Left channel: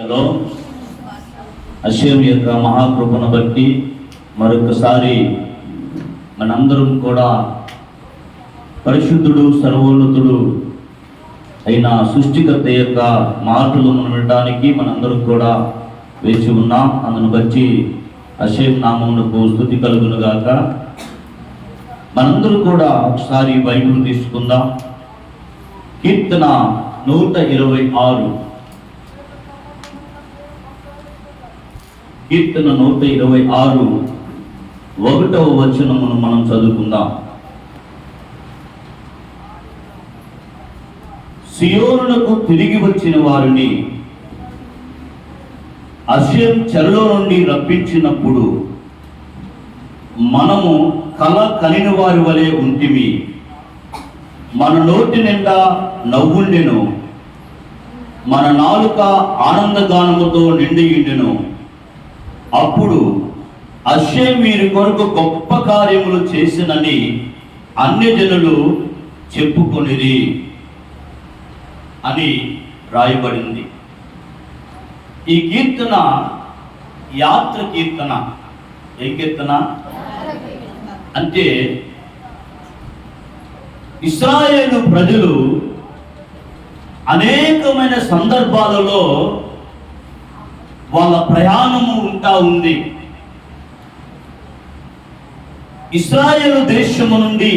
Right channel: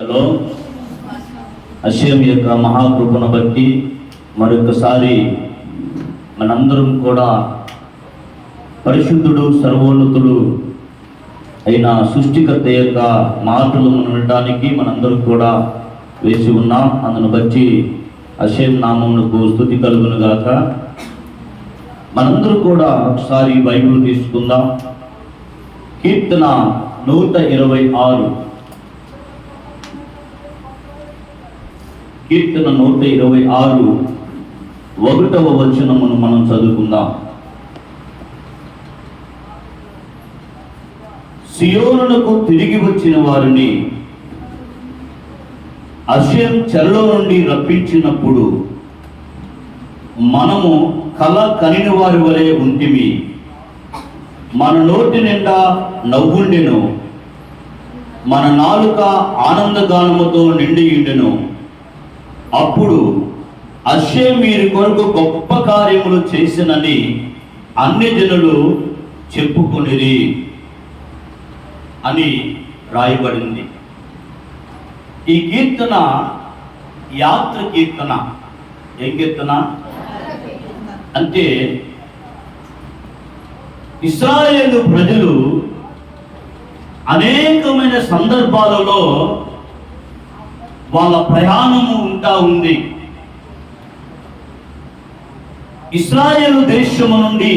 Hello, అషయం యొక్క మహాకృపను బట్టి మరొకసారి మనందరం కూడా పరిశుద్ధుడు సర్వోన్నతుడు అయిన సృష్టికర్త యొక్క మాటలు మనం వినడానికి మనందరం కూడా వేసి ఉన్నాం. అందును బట్టి అషయం నామమునకు స్తుతి కలుగును గాక. మనందరూ కూడా ఒకసారి బైబిల్ తీసుకుందాం. కీర్తన 126, కీర్తన 126 1వ వచనమును మనం చదువుకుందాం. సియోనునకు తిరిగి వచ్చిన వారిని అషయం చెరలో నుండి రప్పించినప్పుడు మనము కల కనిన వారి వలె ఉంటిమి. మన నోటి నిండా నవ్వుండెను, మన నాలుక ఆనందగానముతో నిండియుండెను. అప్పుడు అషయం వీరి కొరకు గొప్ప కార్యములు చేసినని అన్యజనులు చెప్పుకొనిరి అని రాయబడింది. ఈ కీర్తన యాత్ర కీర్తన. ఏ కీర్తన అంటే ఇశ్రాయేలు ప్రజలు అనేకమైన సందర్భాలలో వాళ్ళ ప్రయాణము ఉంది. ఇశ్రాయేలు దేశము నుండి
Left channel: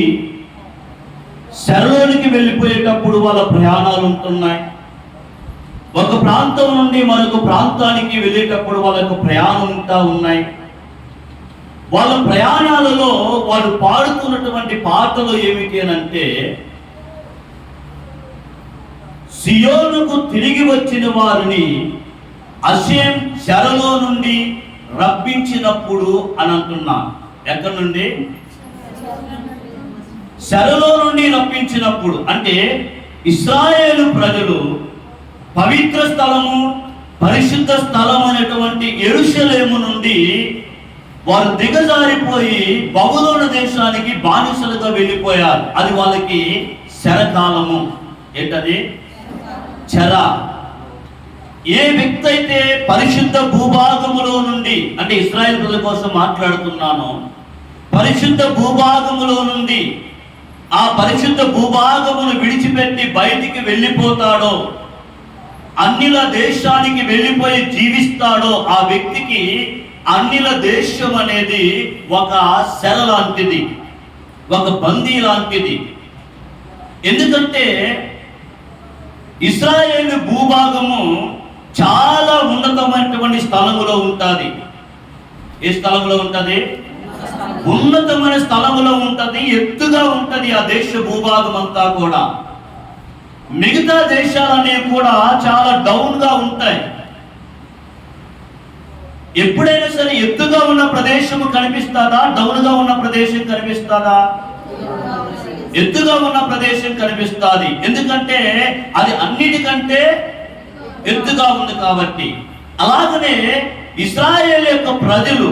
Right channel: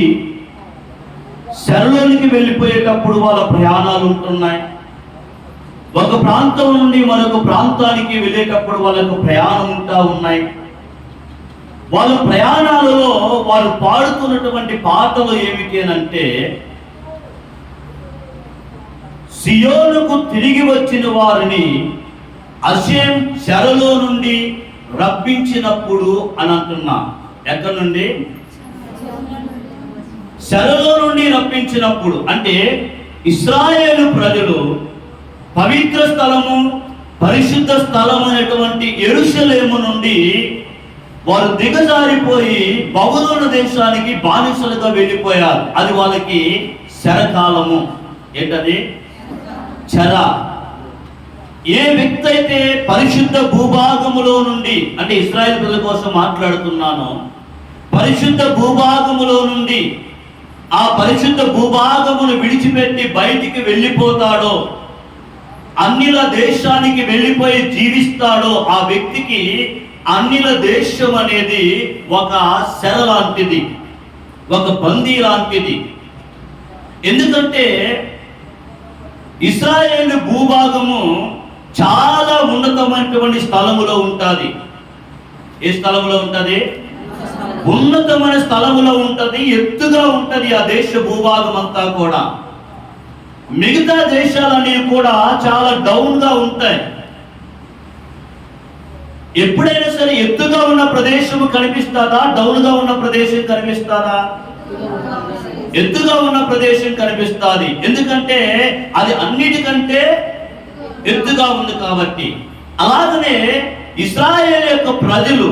చెరలోనికి వెళ్ళిపోయేటప్పుడు వాళ్ళ ప్రయాణాలు ఉంటున్నాయి. ఒక ప్రాంతం నుండి మరొక ప్రాంతానికి వెళ్ళేటప్పుడు వాళ్ళకు ప్రయాణం ఉన్నాయి. వాళ్ళ ప్రయాణాలలో వారు పాడుతున్నటువంటి పాటలు ఏమిటి అంటే, సియోనుకు తిరిగి వచ్చిన వారిని అషయం చెరలో నుండి రప్పించినప్పుడు అని అంటున్నా. ఎక్కడి నుండి? చెరలో నుండి రప్పించినప్పుడు అంటే ఇశ్రాయేలు ప్రజలు పవిత్ర స్థలము, పరిశుద్ధ స్థలం అనేటువంటి యెరూషలేము నుండి వారు దిగజారిపోయి బబులోను దేశానికి బానిసలుగా వెళ్ళిపోయారు. అది వాళ్ళకి చెరకాలము. ఏంటది? చెర. ఏ వ్యక్తి అయితే పరిశుద్ధ భూభాగములో నుండి, అంటే ఇశ్రాయేలు ప్రజల కోసం మాట్లాడుతున్నాను, పరిశుద్ధ భూభాగములో నుండి ఆ పరిశుద్ధ భూభాగమును విడిచిపెట్టి బయటికి వెళ్ళిపోతాడో, అన్నిల దేశానికి వెళ్ళిపోయి జీవిస్తాడో, ఆ వ్యక్తికి అన్నిల దేశం అనేది ఒక చెర లాంటిది, ఒక బందీ లాంటిది. ఎందుకంటే ఇశ్రాయేలు భూభాగము చాలా ఉన్నతమైనటువంటి స్థలములో ఉంటుంది. ఏ స్థలములో ఉంటుంది? ఉన్నతమైన స్థలములో ఉంటుంది, ఎత్తుగా ఉంటుంది ఆ దేశ భూభాగం అంతా కూడా. మిగతా దేశాలనేవి కూడా చాలా డౌన్ గా ఉంటాయి. ఎప్పుడైనా సరే ఎత్తుగా ఉన్న ప్రదేశం కనిపిస్తుందా? డౌన్ గా ఉన్న ప్రదేశం కనిపిస్తుందా? ఎత్తుగా ఉన్న ప్రదేశం కనిపిస్తుంది. ఎందుకంటే అది అన్నిటికంటే ఎత్తుగా ఉంది కాబట్టి. అలాగనే ఇశ్రాయేలు యొక్క ప్రజలు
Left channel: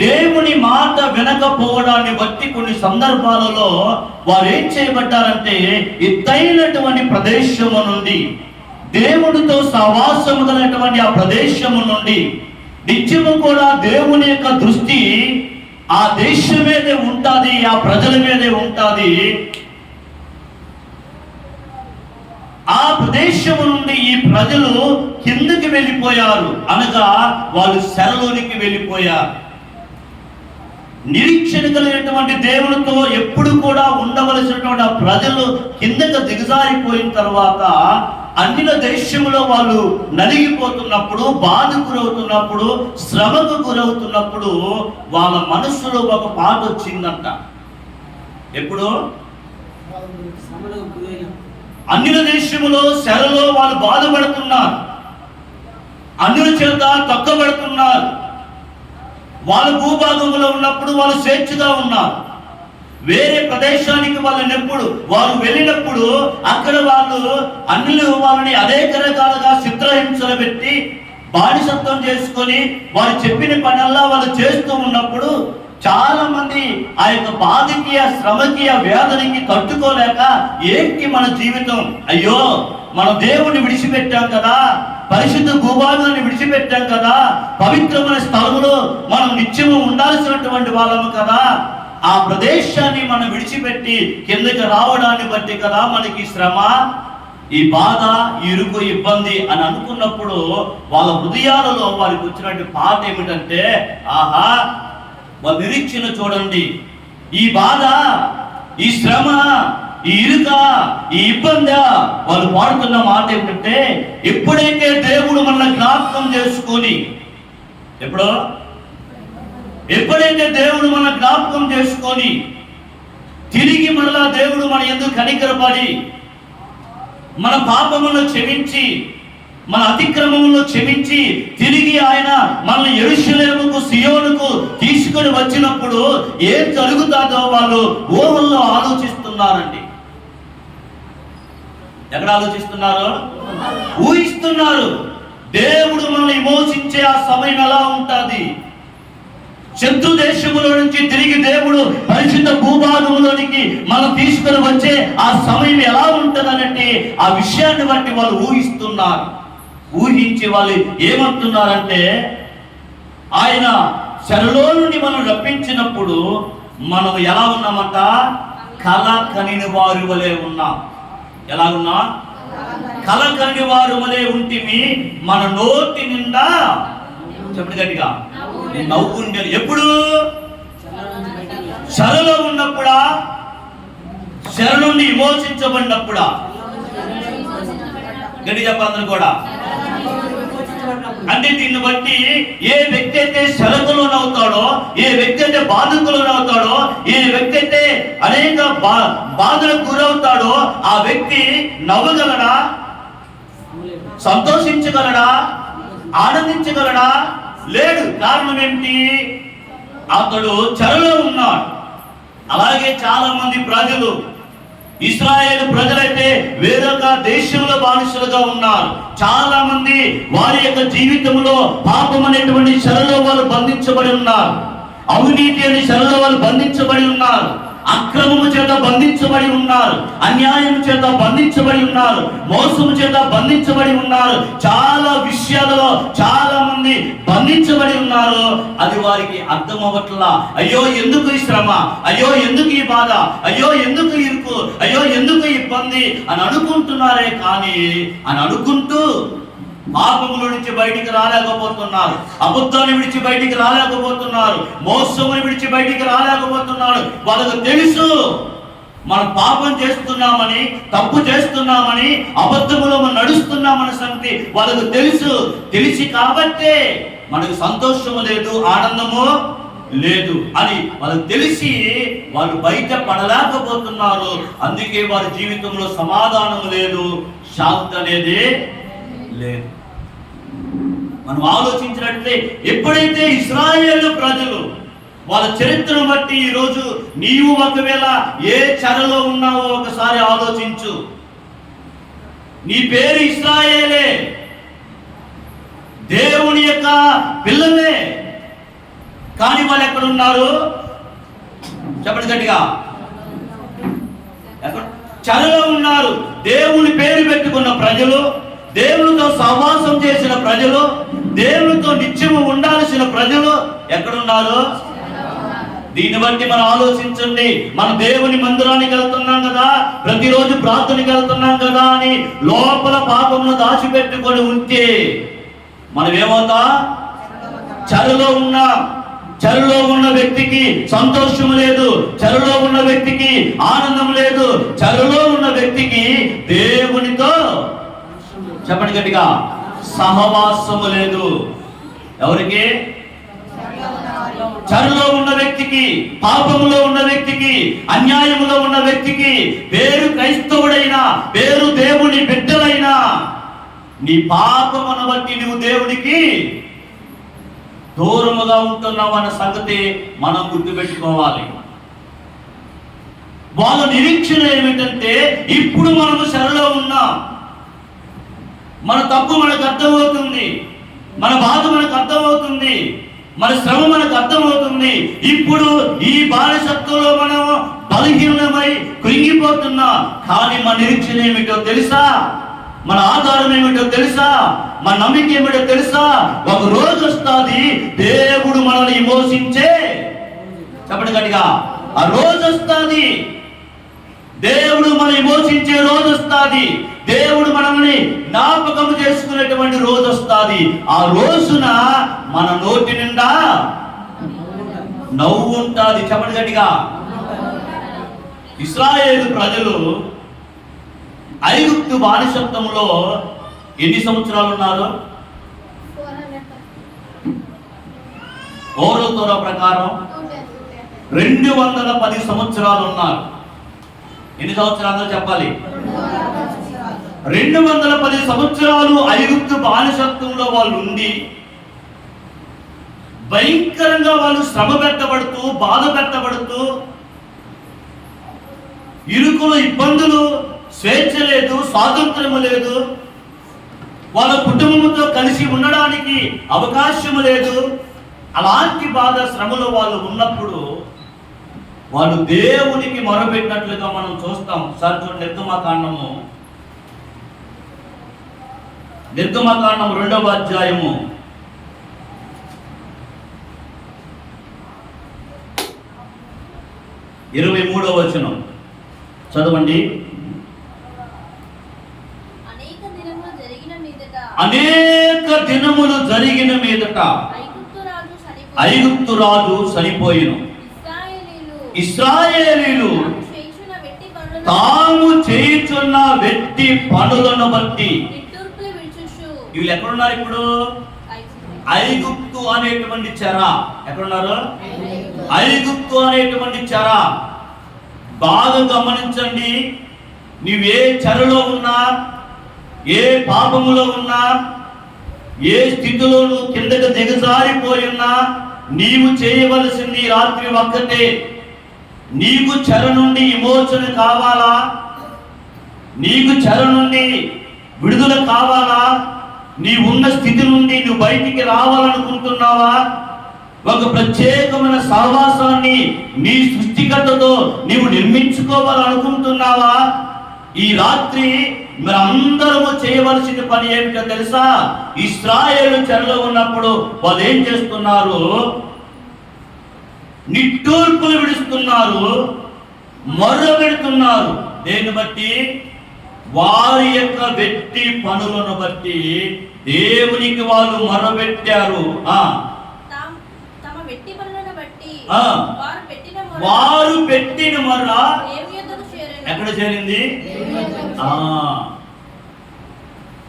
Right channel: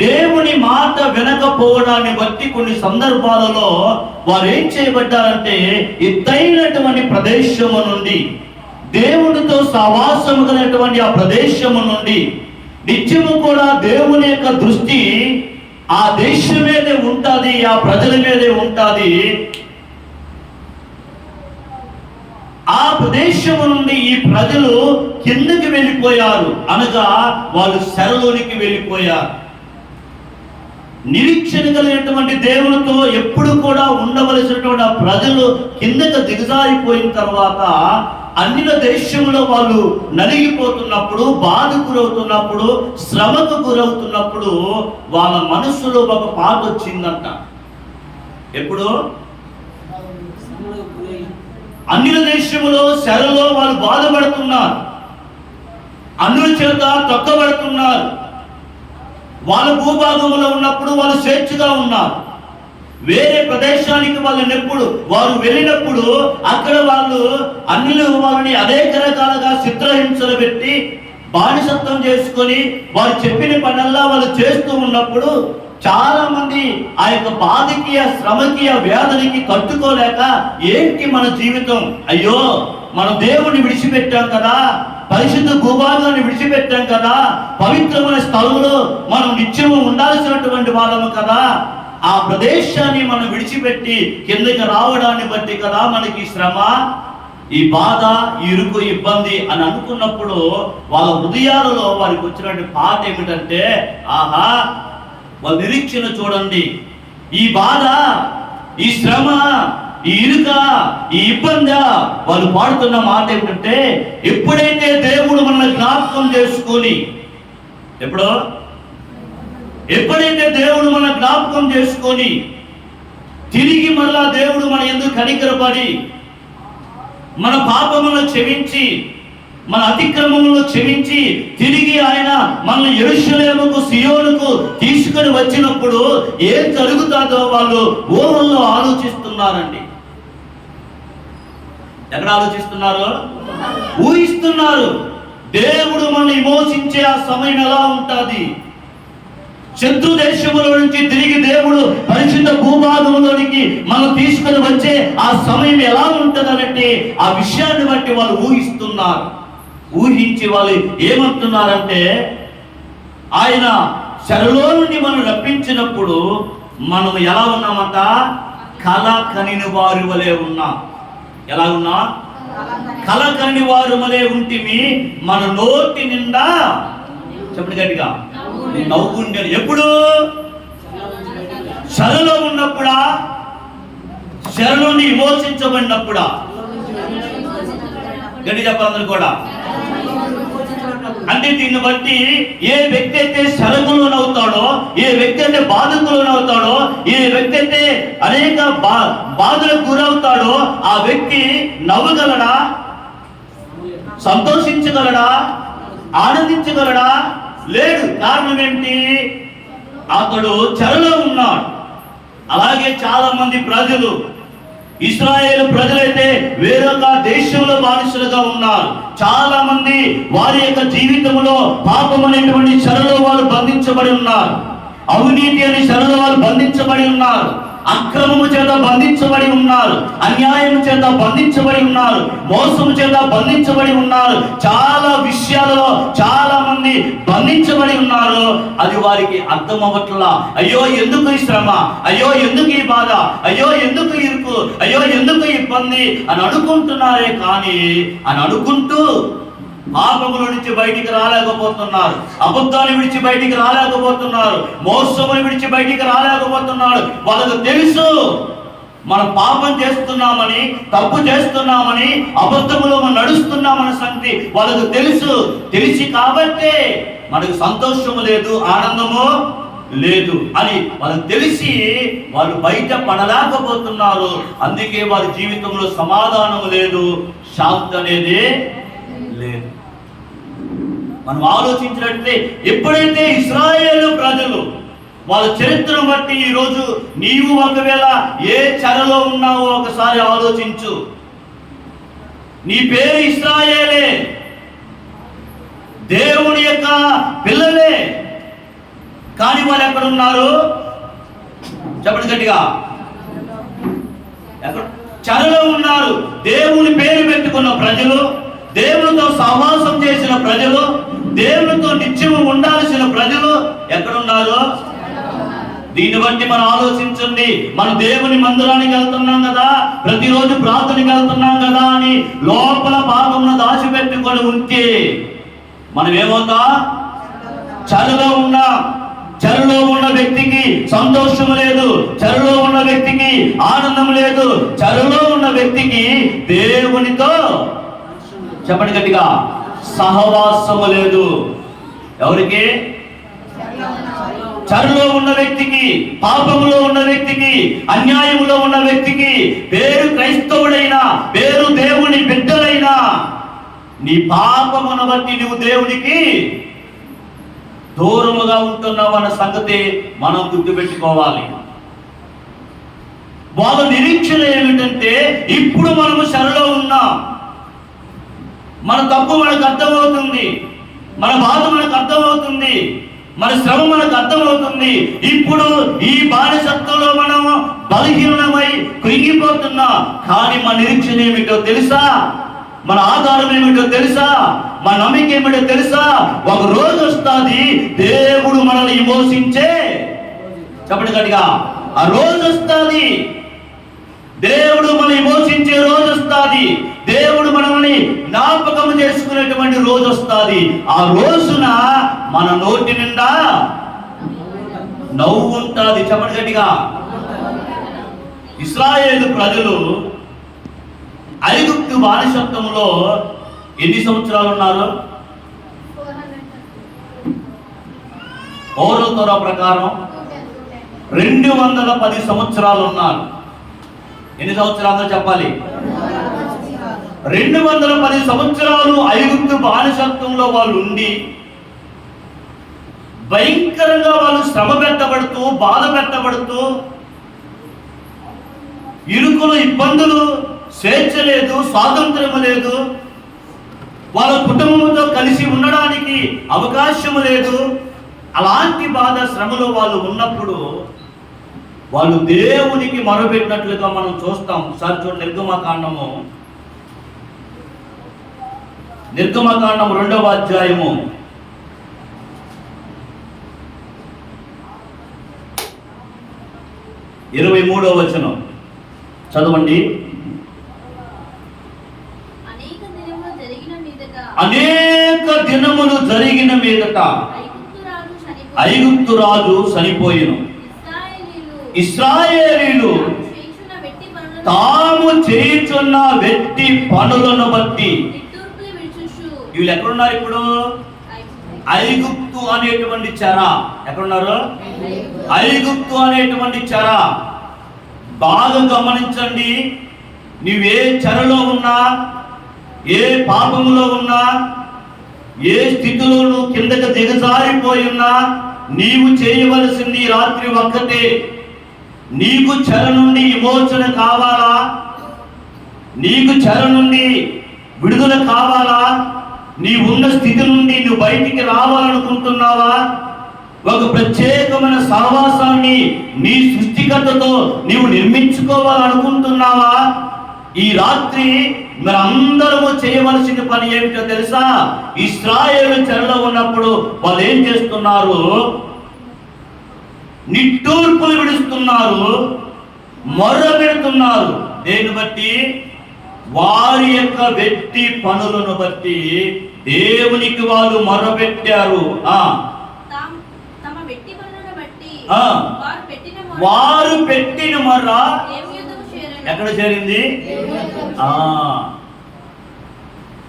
దేవుని మాట వినకపోవడాన్ని బట్టి కొన్ని సందర్భాలలో వారు ఏం చేయబడ్డారంటే, ఎత్తైనటువంటి ప్రదేశము నుండి, దేవునితో సహవాసము కలిగినటువంటి ఆ ప్రదేశము నుండి నిత్యము కూడా దేవుని యొక్క దృష్టి ఆ దేశం మీదే ఉంటుంది, ఆ ప్రజల మీదే ఉంటుంది. ఆ ప్రదేశం నుండి ఈ ప్రజలు కిందకి వెళ్ళిపోయారు, అనగా వాళ్ళు చెరలోనికి వెళ్ళిపోయారు. నిరీక్షణ కలిగినటువంటి దేవునితో ఎప్పుడు కూడా ఉండవలసినటువంటి ఆ ప్రజలు కిందకు దిగజారిపోయిన తర్వాత అన్నిల దేశంలో వాళ్ళు నలిగిపోతున్నప్పుడు, బాధకు గురవుతున్నప్పుడు, శ్రమకు గురవుతున్నప్పుడు వాళ్ళ మనస్సులో ఒక పాట వచ్చిందంట. ఎప్పుడు? అన్నిల దేశంలో చెరలో వాళ్ళు బాధపడుతున్నారు, అన్నుల చేత తొక్కబడుతున్నారు. వాళ్ళ భూభాగంలో ఉన్నప్పుడు వాళ్ళు స్వేచ్ఛగా ఉన్నారు. వేరే ప్రదేశానికి వారు వెళ్ళినప్పుడు అక్కడ వాళ్ళు అన్యులు వాళ్ళని అనేక రకాలుగా చిత్రహింసలు పెట్టి బానిసత్వం చేసుకొని వారు చెప్పిన పనల్లా వాళ్ళు చేస్తూ ఉన్నప్పుడు చాలా మంది ఆ యొక్క బాధకి, ఆ శ్రమకి, ఆ వేదనకి తట్టుకోలేక, ఏంటి మన జీవితం, అయ్యో మనం దేవుణ్ణి విడిచిపెట్టాం కదా, పరిశుద్ధ భూభాగాన్ని విడిచిపెట్టాం కదా, పవిత్రమైన స్థలములో మనం నిత్యము ఉండాల్సినటువంటి వాళ్ళము కదా, ఆ ప్రదేశాన్ని మనం విడిచిపెట్టి కిందకి రావడాన్ని బట్టి కదా మనకి శ్రమ, ఈ బాధ, ఈ ఇరుకు, ఇబ్బంది అని అనుకున్నప్పుడు వాళ్ళ హృదయాలలో వారికి వచ్చినటువంటి పాట ఏమిటంటే, ఆహా వాళ్ళ నిరీక్షణ చూడండి, ఈ బాధ, ఈ శ్రమ, ఈ ఇరుక, ఈ ఇబ్బంది, వాళ్ళు పాడుతున్న మాట ఏమిటంటే, ఎప్పుడైతే దేవుడు మనల్ని జ్ఞాపకం చేసుకొని, ఎప్పుడైతే దేవుడు మన జ్ఞాపకం చేసుకొని తిరిగి మరలా దేవుడు మన యందు కనికరపడి మన పాపములను క్షమించి, మన అతిక్రమములను క్షమించి తిరిగి ఆయన మనల్ని యెరూషలేముకు, సియోనుకు తీసుకొని వచ్చినప్పుడు ఏం జరుగుతుందో వాళ్ళు ఊహల్లో ఆలోచిస్తున్నారండి. ఎక్కడ ఆలోచిస్తున్నారు? ఊహిస్తున్నారు. దేవుడు మనల్ని విమోచించే ఆ సమయం ఎలా ఉంటుంది, శత్రు దేశములో నుంచి తిరిగి దేవుడు పరిశుద్ధ భూభాగంలోనికి మనం తీసుకొని వచ్చే ఆ సమయం ఎలా ఉంటుందనంటే ఆ విషయాన్ని బట్టి వాళ్ళు ఊహిస్తున్నారు. ఊహించి వాళ్ళు ఏమంటున్నారంటే, ఆయన చెరలో నుండి మనం రప్పించినప్పుడు మనం ఎలా ఉన్నామంట, కల కనిని వారి వలె ఉన్నాం. ఎలా ఉన్నా? కల కని వారి వలె ఉంటిమి, మన నోటి నిండా, చెప్పండి గట్టిగా, నవ్వుండేది. ఎప్పుడు? చెరలో ఉన్నప్పుడా? చెర నుండి విమోచించబడినప్పుడా? గడి చెప్పాలందరూ కూడా. అంటే దీన్ని బట్టి ఏ వ్యక్తి అయితే శరకులోనవుతాడో, ఏ వ్యక్తి అయితే బాధకులోనవుతాడో, ఏ వ్యక్తి అయితే అనేక బాధలకు గురవుతాడో ఆ వ్యక్తి నవ్వగలడా? సంతోషించగలడా? ఆనందించగలడా? లేడు. కారణం ఏమిటి? అతడు చెరలో ఉన్నాడు. అలాగే చాలా మంది ప్రజలు, ఇశ్రాయేలు ప్రజలైతే వేరొక దేశంలో బానిసలుగా ఉన్నారు. చాలా మంది వారి యొక్క జీవితంలో పాపం అనేటువంటి చెరలో వాళ్ళు బంధించబడి ఉన్నారు. అవినీతి అనే చెరలో వాళ్ళు బంధించబడి ఉన్నారు. అక్రమము చేత బంధించబడి ఉన్నారు. అన్యాయం చేత బంధించబడి ఉన్నారు. మోసము చేత బంధించబడి ఉన్నారు. చాలా విషయాలలో చాలా మంది బంధించబడి ఉన్నారు. అది వారికి అర్థం అవ్వట్లా. అయ్యో ఎందుకు ఈ శ్రమ, అయ్యో ఎందుకు ఈ బాధ, అయ్యో ఎందుకు ఇరుకు, అయ్యో ఎందుకు ఇబ్బంది అని అనుకుంటున్నారే కానీ, అని అనుకుంటూ పాపముల నుంచి బయటికి రాలేకపోతున్నారు. అబద్ధాన్ని విడిచి బయటికి రాలేకపోతున్నారు. మోసముని విడిచి బయటికి రాలేకపోతున్నారు. వాళ్ళకు తెలుసు మనం పాపం చేస్తున్నామని, తప్పు చేస్తున్నామని, అబద్ధములో మనం నడుస్తున్నామన్న సంగతి వాళ్ళకు తెలుసు. తెలిసి కాబట్టే మనకు సంతోషము లేదు, ఆనందము లేదు అని వాళ్ళకు తెలిసి వాళ్ళు బయట పడలేకపోతున్నారు. అందుకే వారి జీవితంలో సమాధానము లేదు, శాంతి అనేది లేదు. మనం ఆలోచించినట్లయితే ఎప్పుడైతే ఇశ్రాయేలు ప్రజలు వాళ్ళ చరిత్రను బట్టి ఈరోజు నీవు ఒకవేళ ఏ చెరలో ఉన్నావో ఒకసారి ఆలోచించు. నీ పేరు ఇశ్రాయేలే, దేవుని యొక్క పిల్లలే, కానీ వాళ్ళు ఎక్కడున్నారు? చెప్పండి గట్టిగా. ఎక్కడ? చెరలో ఉన్నారు. దేవుని పేరు పెట్టుకున్న ప్రజలు, దేవునితో సహవాసం చేసిన ప్రజలు, దేవునితో నిత్యము ఉండాల్సిన ప్రజలు ఎక్కడున్నారు? దీన్ని బట్టి మనం ఆలోచించండి. మనం దేవుని మందిరానికి వెళ్తున్నాం కదా, ప్రతిరోజు ప్రార్థనకి వెళ్తున్నాం కదా అని లోపల పాపమును దాచిపెట్టుకొని ఉంటే మనం ఏమవుతా? చెరలో ఉన్నాం. చెరలో ఉన్న వ్యక్తికి సంతోషం లేదు, చెరలో ఉన్న వ్యక్తికి ఆనందం లేదు, చెరలో ఉన్న వ్యక్తికి దేవునితో, చెప్పండి గట్టిగా, సహవాసము లేదు. ఎవరికి? చెరలో ఉన్న వ్యక్తికి, పాపములో ఉన్న వ్యక్తికి, అన్యాయములో ఉన్న వ్యక్తికి, పేరు క్రైస్తవుడైనా, పేరు దేవుని బిడ్డలైనా, నీ పాపమును బట్టి నువ్వు దేవునికి దూరముగా ఉంటున్నావు అన్న సంగతి మనం గుర్తుపెట్టుకోవాలి. వాళ్ళ నిరీక్షణ ఏమిటంటే, ఇప్పుడు మనము చెరలో ఉన్నాం, మన తప్పు మనకు అర్థమవుతుంది, మన బాధ మనకు అర్థమవుతుంది, మన శ్రమ మనకు అర్థమవుతుంది. ఇప్పుడు ఈ బానిసత్వంలో మనము బలహీనమై కృంగిపోతున్నాం. కానీ మన నిరీక్షణ ఏమిటో తెలుసా? మన ఆధారం ఏమిటో తెలుసా? మన నమ్మిక ఏమిటో తెలుసా? ఒక రోజు వస్తుంది దేవుడు మనల్ని విమోచించే, చెప్పండి గట్టిగా, ఆ రోజు వస్తుంది. దేవుడు మనల్ని విమోచించే రోజు వస్తుంది. దేవుడు మనల్ని జ్ఞాపకం చేసుకునేటువంటి రోజు వస్తుంది. ఆ రోజున మన నోటి నిండా నవ్వు ఉంటుంది. చెప్పండి గట్టిగా. ఇశ్రాయేలు ప్రజలు ఐగుప్తు బానిసత్వంలో ఎన్ని సంవత్సరాలు ఉన్నారు? ఓరోతోర ప్రకారం 210 సంవత్సరాలు ఉన్నారు. ఎన్ని సంవత్సరాలు చెప్పాలి? 210 సంవత్సరాలు ఐగుప్తు బానిసత్వంలో వాళ్ళు ఉండి భయంకరంగా వాళ్ళు శ్రమ పెట్టబడుతూ, బాధ పెట్టబడుతూ, ఇరుకులు, ఇబ్బందులు, స్వేచ్ఛ లేదు, స్వాతంత్రము లేదు, వాళ్ళ కుటుంబంతో కలిసి ఉండడానికి అవకాశము లేదు. అలాంటి బాధ, శ్రమలో వాళ్ళు ఉన్నప్పుడు వాళ్ళు దేవునికి మొరపెట్టినట్లుగా మనం చూస్తాం. సార్ చూడండి, నిర్గమకాండము 2వ అధ్యాయము 23వ వచనం చదవండి. అనేక దినములు జరిగిన మీదట ఐగుప్తు రాజు చనిపోయిను. ఇశ్రాయేలీలు తాము చేయుచున్న వెట్టి పనులను బట్టి, వీళ్ళు ఎక్కడున్నారు ఇప్పుడు? ఐగుప్తు అనేటువంటి చెర. ఎక్కడున్నారు? ఐగుప్తు అనేటువంటి చెర. బాగా గమనించండి. నువ్వే చెరలో ఉన్నా, ఏ పాపములో ఉన్నా, ఏ స్థితిలో నువ్వు కిందకు దిగజారిపోయి ఉన్నా, నీవు చేయవలసింది రాత్రి ఒక్కటే. నీకు చెర నుండి విమోచన కావాలా? నీకు చెర నుండి విడుదల కావాలా? నీవున్న స్థితి నుండి నువ్వు బయటికి రావాలనుకుంటున్నావా? ఒక ప్రత్యేకమైన సహవాసాన్ని నీ సృష్టికర్తతో నీవు నిర్మించుకోవాలనుకుంటున్నావా? ఈ రాత్రి మరి అందరము చేయవలసిన పని ఏమిటో తెలుసా? ఇశ్రాయేలు చెరలో ఉన్నప్పుడు వాళ్ళు ఏం చేస్తున్నారు? నిట్టూర్పులు విడుస్తున్నారు, మొర్ర పెడుతున్నారు. దేన్ని బట్టి? వారి యొక్క వెట్టి పనులను బట్టి దేవునికి వాళ్ళు మొర్రపెట్టారు. వారు పెట్టిన మొర్ర ఎక్కడ చేరింది?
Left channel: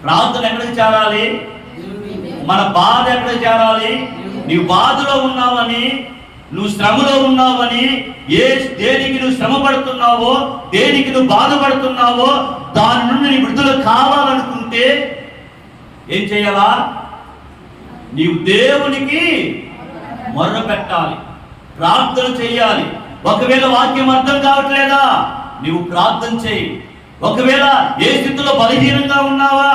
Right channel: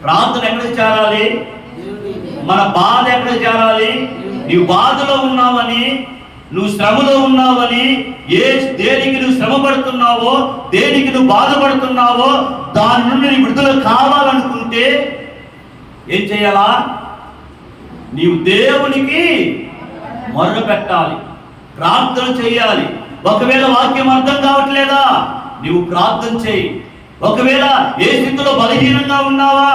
ప్రార్థన ఎక్కడికి చేరాలి? మన బాధ ఎక్కడికి చేరాలి? నీవు బాధలో ఉన్నావని, నువ్వు శ్రమలో ఉన్నావని, దేనికి నువ్వు శ్రమ పడుతున్నావో, దేనికి నువ్వు బాధపడుతున్నావో దాని నుండి నీ విడుదల కావాలనుకుంటే ఏం చేయాలా? నీవు దేవునికి మొర్ర పెట్టాలి, ప్రార్థన చేయాలి. ఒకవేళ వాక్యం అర్థం కావట్లేదా? నీవు ప్రార్థన చేయి. ఒకవేళ ఏ స్థితిలో బలహీనంగా ఉన్నావా,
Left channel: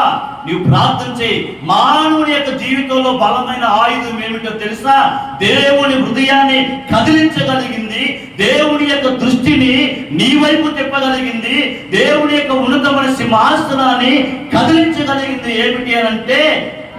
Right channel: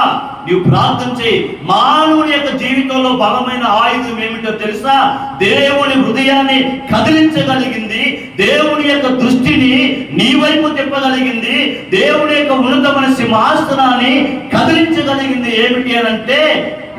నీవు ప్రార్థన చేయి. మానవుని యొక్క జీవితంలో బలమైన ఆయుధం ఏమిటో తెలుసా? దేవుని హృదయాన్ని కదిలించగలిగింది, దేవుని యొక్క దృష్టిని నీ వైపు తిప్పగలిగింది, దేవుని యొక్క ఉన్నతమైన సింహాసనాన్ని కదిలించగలిగింది ఏమిటి అని అంటే,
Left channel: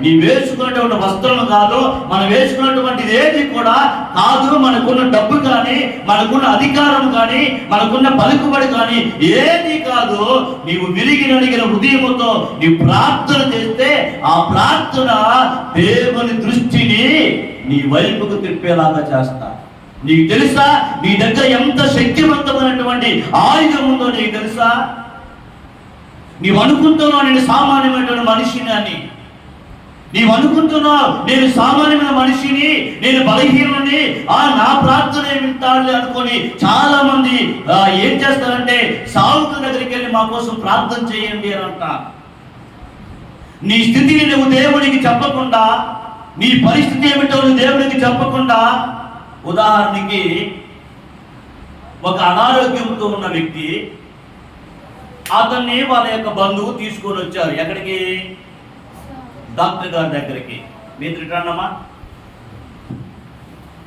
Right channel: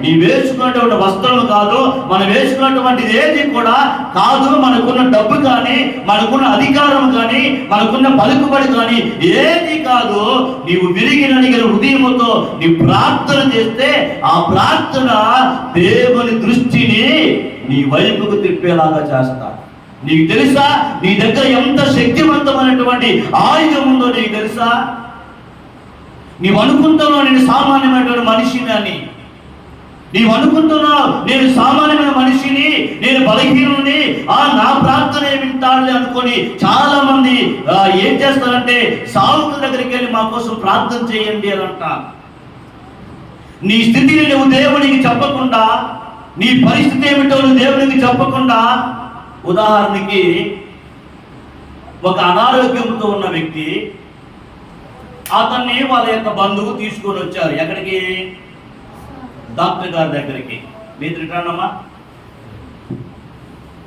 నీ వేసుకున్నటువంటి వస్త్రం కాదు, మనం వేసుకున్నటువంటిది ఏది కూడా కాదు. మనకున్న డబ్బు కానీ, మనకున్న అధికారం కానీ, మనకున్న పలుకుబడి కానీ ఏది కాదు. నీవు విరిగి నడిగిన హృదయముతో నీవు ప్రార్థన చేస్తే ఆ ప్రార్థన దేవుని దృష్టిని నీ వైపుకు తిప్పేలాగా చేస్తాడు. నీకు తెలుసా నీ దగ్గర ఎంత శక్తివంతమైనటువంటి ఆయుధం ఉందో నీకు తెలుసా? నీవు అనుకుంటున్నావు నేను సామాన్యమైనటువంటి మనిషిని అని. నీవు అనుకుంటున్నావు నేను సామాన్యమైన మనిషిని, నేను బలహీనుని, నా ప్రార్థన వింటాడులే అనుకొని చాలా మంది ఏం చేస్తారంటే సావుకుల దగ్గరికి వెళ్ళి మా కోసం ప్రార్థన చేయండి అని అంటారు. నీ స్థితిని నువ్వు దేవునికి చెప్పకుండా, నీ పరిస్థితి ఏమిటో నువ్వు దేవునికి చెప్పకుండా, ఉదాహరణకి ఒక అనారోగ్యంతో ఉన్న వ్యక్తి, అతన్ని వాళ్ళ యొక్క బంధువు తీసుకొని వచ్చారు. ఎక్కడికి? డాక్టర్ గారి దగ్గరికి. మీరు రిటర్న్ అమ్మా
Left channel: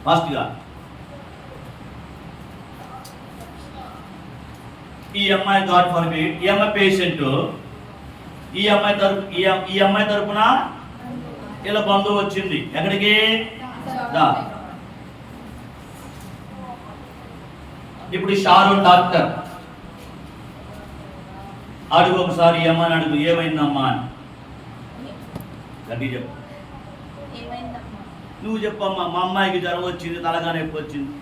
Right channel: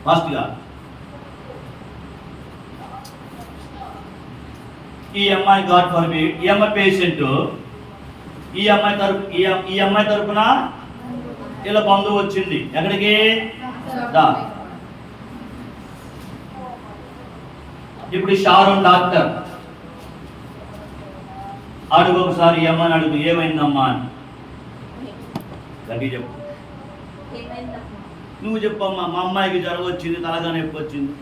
ఫాస్ట్గా. ఈ అమ్మాయి గాడ్ ఫర్ మీ, ఈ అమ్మాయి పేషెంట్, ఈ అమ్మాయి తరపున ఇలా బంధువు వచ్చింది ఎక్కడికి, దా. ఇప్పుడు షారోన్ డాక్టర్ అడుగు, ఒకసారి ఏమని అడుగు, ఏమైందమ్మా అని. గట్టి చెప్పు, నువ్వు చెప్పమ్మా. మా అమ్మాయికి జ్వరం వచ్చింది, తలగా నొప్పి వచ్చింది.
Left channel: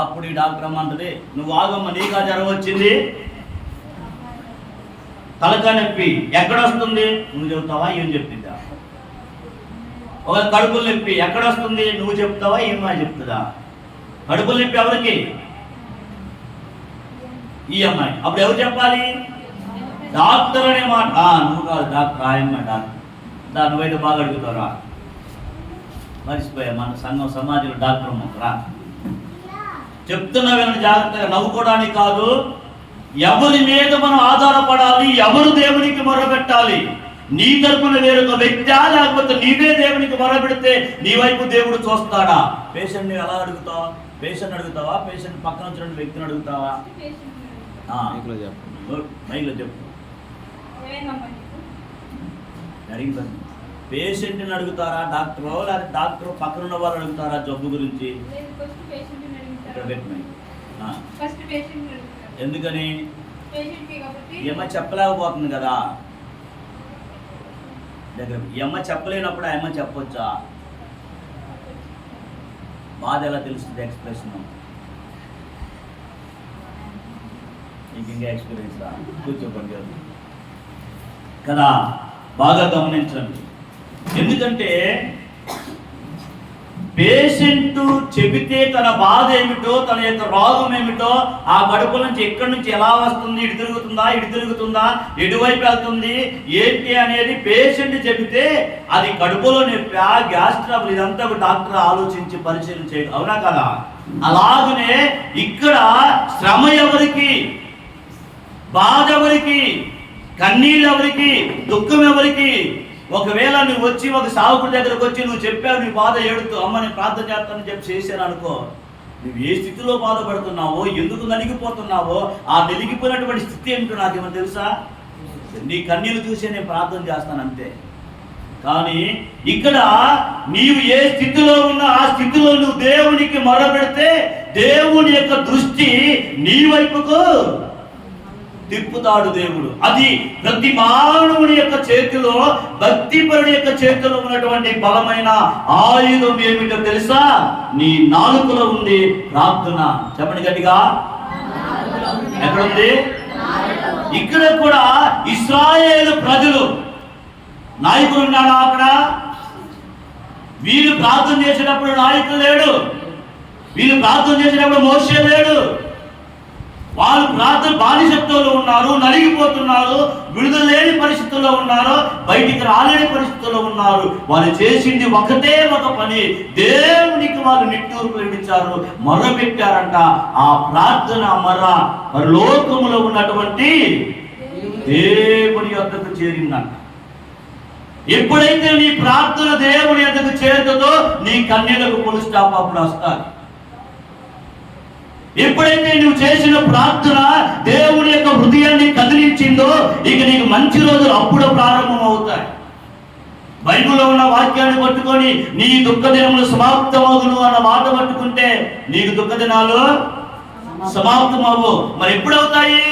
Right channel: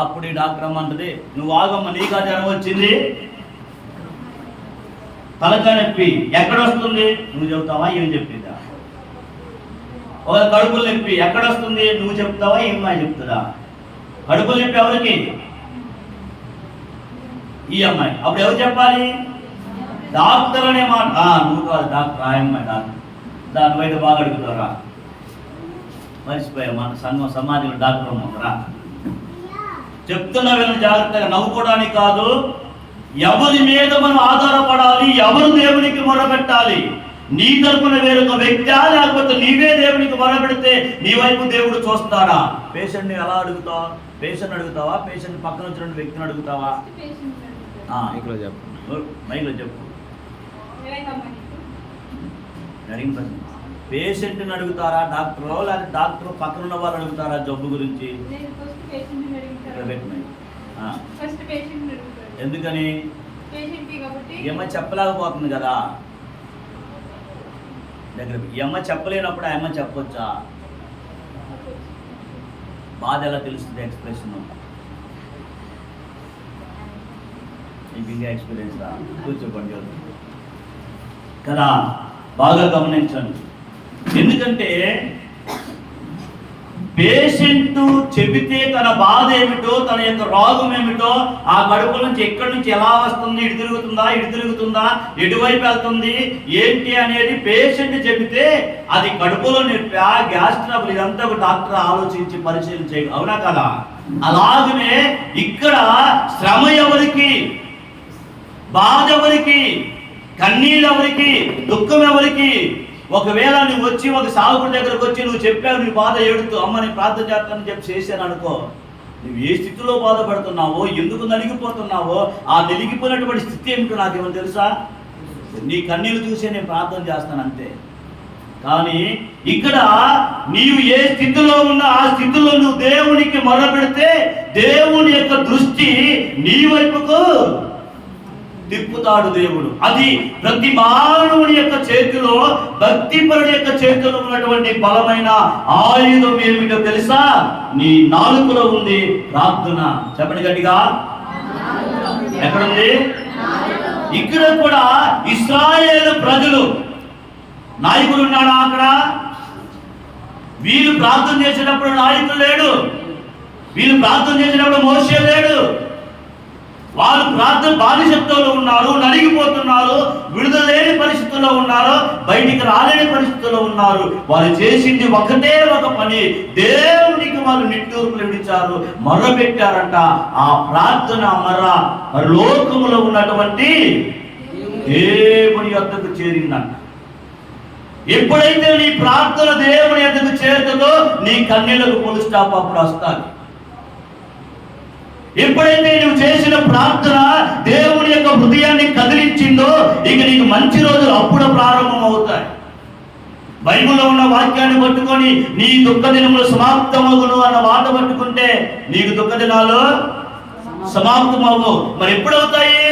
అప్పుడు ఈ డాక్టర్ అమ్మ అంటది, నువ్వు ఆగమ్మ, నీకు ఆ జ్వరం వచ్చింది, తలగా నొప్పి ఎక్కడ వస్తుంది, నువ్వు చెబుతావా ఏం చెప్తుందా? ఒక కడుపులు నొప్పి ఎక్కడ వస్తుంది, నువ్వు చెప్తావా ఏమని చెప్తుందా? కడుపులు నొప్పి ఎవరికి? ఈ అమ్మాయి. అప్పుడు ఎవరు చెప్పాలి? డాక్టర్ అనే మాట. నువ్వు కాదు డాక్టర్, ఆ అమ్మాయి డాక్టర్. దాని బయట బాగా అడుగుతారా? మర్చిపోయా, మన సంఘం సమాజంలో డాక్టర్ అమ్ముతారా? చెప్తున్నా వీళ్ళని జాగ్రత్తగా, నవ్వుకోవడానికి కాదు. ఎవరి మీద మనం ఆధారపడాలి, ఎవరు దేవునికి మొరపెట్టాలి. నీ తరపున వేరొక వ్యక్తి, లేకపోతే నీవే దేవునికి మొరపెడితే నీ వైపు దేవుడు చూస్తాడా? పేషెంట్ని ఎలా అడుగుతావా? పేషెంట్ అడుగుతావా? పేషెంట్ పక్కన వచ్చిన వ్యక్తిని అడుగుతావా? మైక్లో చెప్పు. పేషెంట్ని అడుగుతారా డాక్టర్, లేకపోతే డాక్టర్ పక్కన ఉన్న వాళ్ళు అడుగుతారా జబ్బు గురించి? ఎందుకని? ఏమో చెప్పలేకపోతుంది కదా దగ్గర. ఏమో చెప్పలేనప్పుడు ఆ అమ్మ చెప్పొచ్చా? బాధ ఎలా తెలుస్తుంది? ఎక్స్ప్రెషన్. ఇంకా ఎక్స్పీరియన్స్ రా, కూర్చోకండి కదా. బాగా గమనించండి. ఎందుకంటే పేషెంట్ చెబితే తన బాధ ఏమిటో, తన యొక్క రోగం ఏమిటో, ఆ కడుపు నుంచి ఎక్కడి నుంచి ఎలా వస్తుంది, ఇటు తిరుగుతుందా, ఎటువైపు వెళ్తుంది, ఏంటి అనేది పేషెంట్ చెబితే అది కడుపులో నొప్పి, గ్యాస్ ట్రబుల్, ఇదంతా ఒక డాక్టర్ ఆలోచించి పరిశీలన చేయడం. అవునా కదా? అలాగనే ఇక్కడ శ్రమ ఎవరికి, బాధ ఎవరికి, కన్నీళ్ళు ఎవరికి, దుఃఖం ఎవరికి? ఒకవేళ నువ్వు వచ్చి ఒక సావుకుడి దగ్గరకు వచ్చి నువ్వు చెప్పావు, నీ బాధ ఏడుతూ, అమ్మ నేను ప్రార్థన చేస్తానని చెప్పి చేశాను అనుకో, నువ్వు ఏ స్థితిలో బాధపడుతున్నావో, ఎందుకు నలిగిపోతున్నావో, ఆ నలిగిపోయినటువంటి స్థితి ఏమిటో నాకేమని తెలుసా? నీ కన్నీళ్ళు చూసే నేను ప్రార్థన చేస్తాను అంతే. కానీ ఇక్కడ నీవు ఏ స్థితిలో ఉన్నా ఆ స్థితిలో నువ్వు దేవునికి మొరపెడితే దేవుని యొక్క దృష్టి నీ వైపుకు తిప్పుతాడు దేవుడు. అది ప్రతి మానవుని యొక్క చేతిలో, భక్తిపరుడి యొక్క చేతిలో ఉన్నటువంటి బలమైన ఆయుధం ఏమిటో తెలుసా? నీ నాలుకలో ఉంది ప్రార్థన. చెప్పండి గట్టిగా, ఎక్కడుంది? ఇక్కడ కూడా ఇశ్రాయేలు ప్రజలు, నాయకులు ఉన్నాడా అక్కడ? వీళ్ళు ప్రార్థన చేసినప్పుడు నాయకులు లేడు, వీళ్ళు ప్రార్థన చేసినప్పుడు మోషే లేడు. వాళ్ళు ప్రార్థన బానిసత్వంలో ఉన్నారు, నలిగిపోతున్నారు, విడుదల లేని పరిస్థితుల్లో ఉన్నారు, బయటికి రాలేని పరిస్థితుల్లో ఉన్నారు. వాళ్ళు చేసింది ఒకటే ఒక పని, దేవునికి వాళ్ళు నిట్టూర్పులు విడిచారు, మొర్ర పెట్టారంట. ఆ ప్రార్థన మర్ర లోకములో ఉన్నటువంటి దేవుని యొద్దకు చేరిందంట. ఎప్పుడైతే నీ ప్రార్థన దేవుని యొద్దకు చేరుతుందో నీ కన్నీళ్లకు ఫుల్ స్టాప్ అప్పుడు వస్తాయి. ఎప్పుడైతే నువ్వు చేసిన ప్రార్థన దేవుని యొక్క హృదయాన్ని కదిలించిందో ఇక నీకు మంచి రోజులు అప్పుడు ప్రారంభం అవుతాయి. బైబిల్లో ఉన్న వాక్యాన్ని పట్టుకొని నీ దుఃఖ దినములు సమాప్తమవును అన్న మాట పట్టుకుంటే నీకు దుఃఖ దినాలు సమాప్తమవు. మరి ఎప్పుడవుతాయి?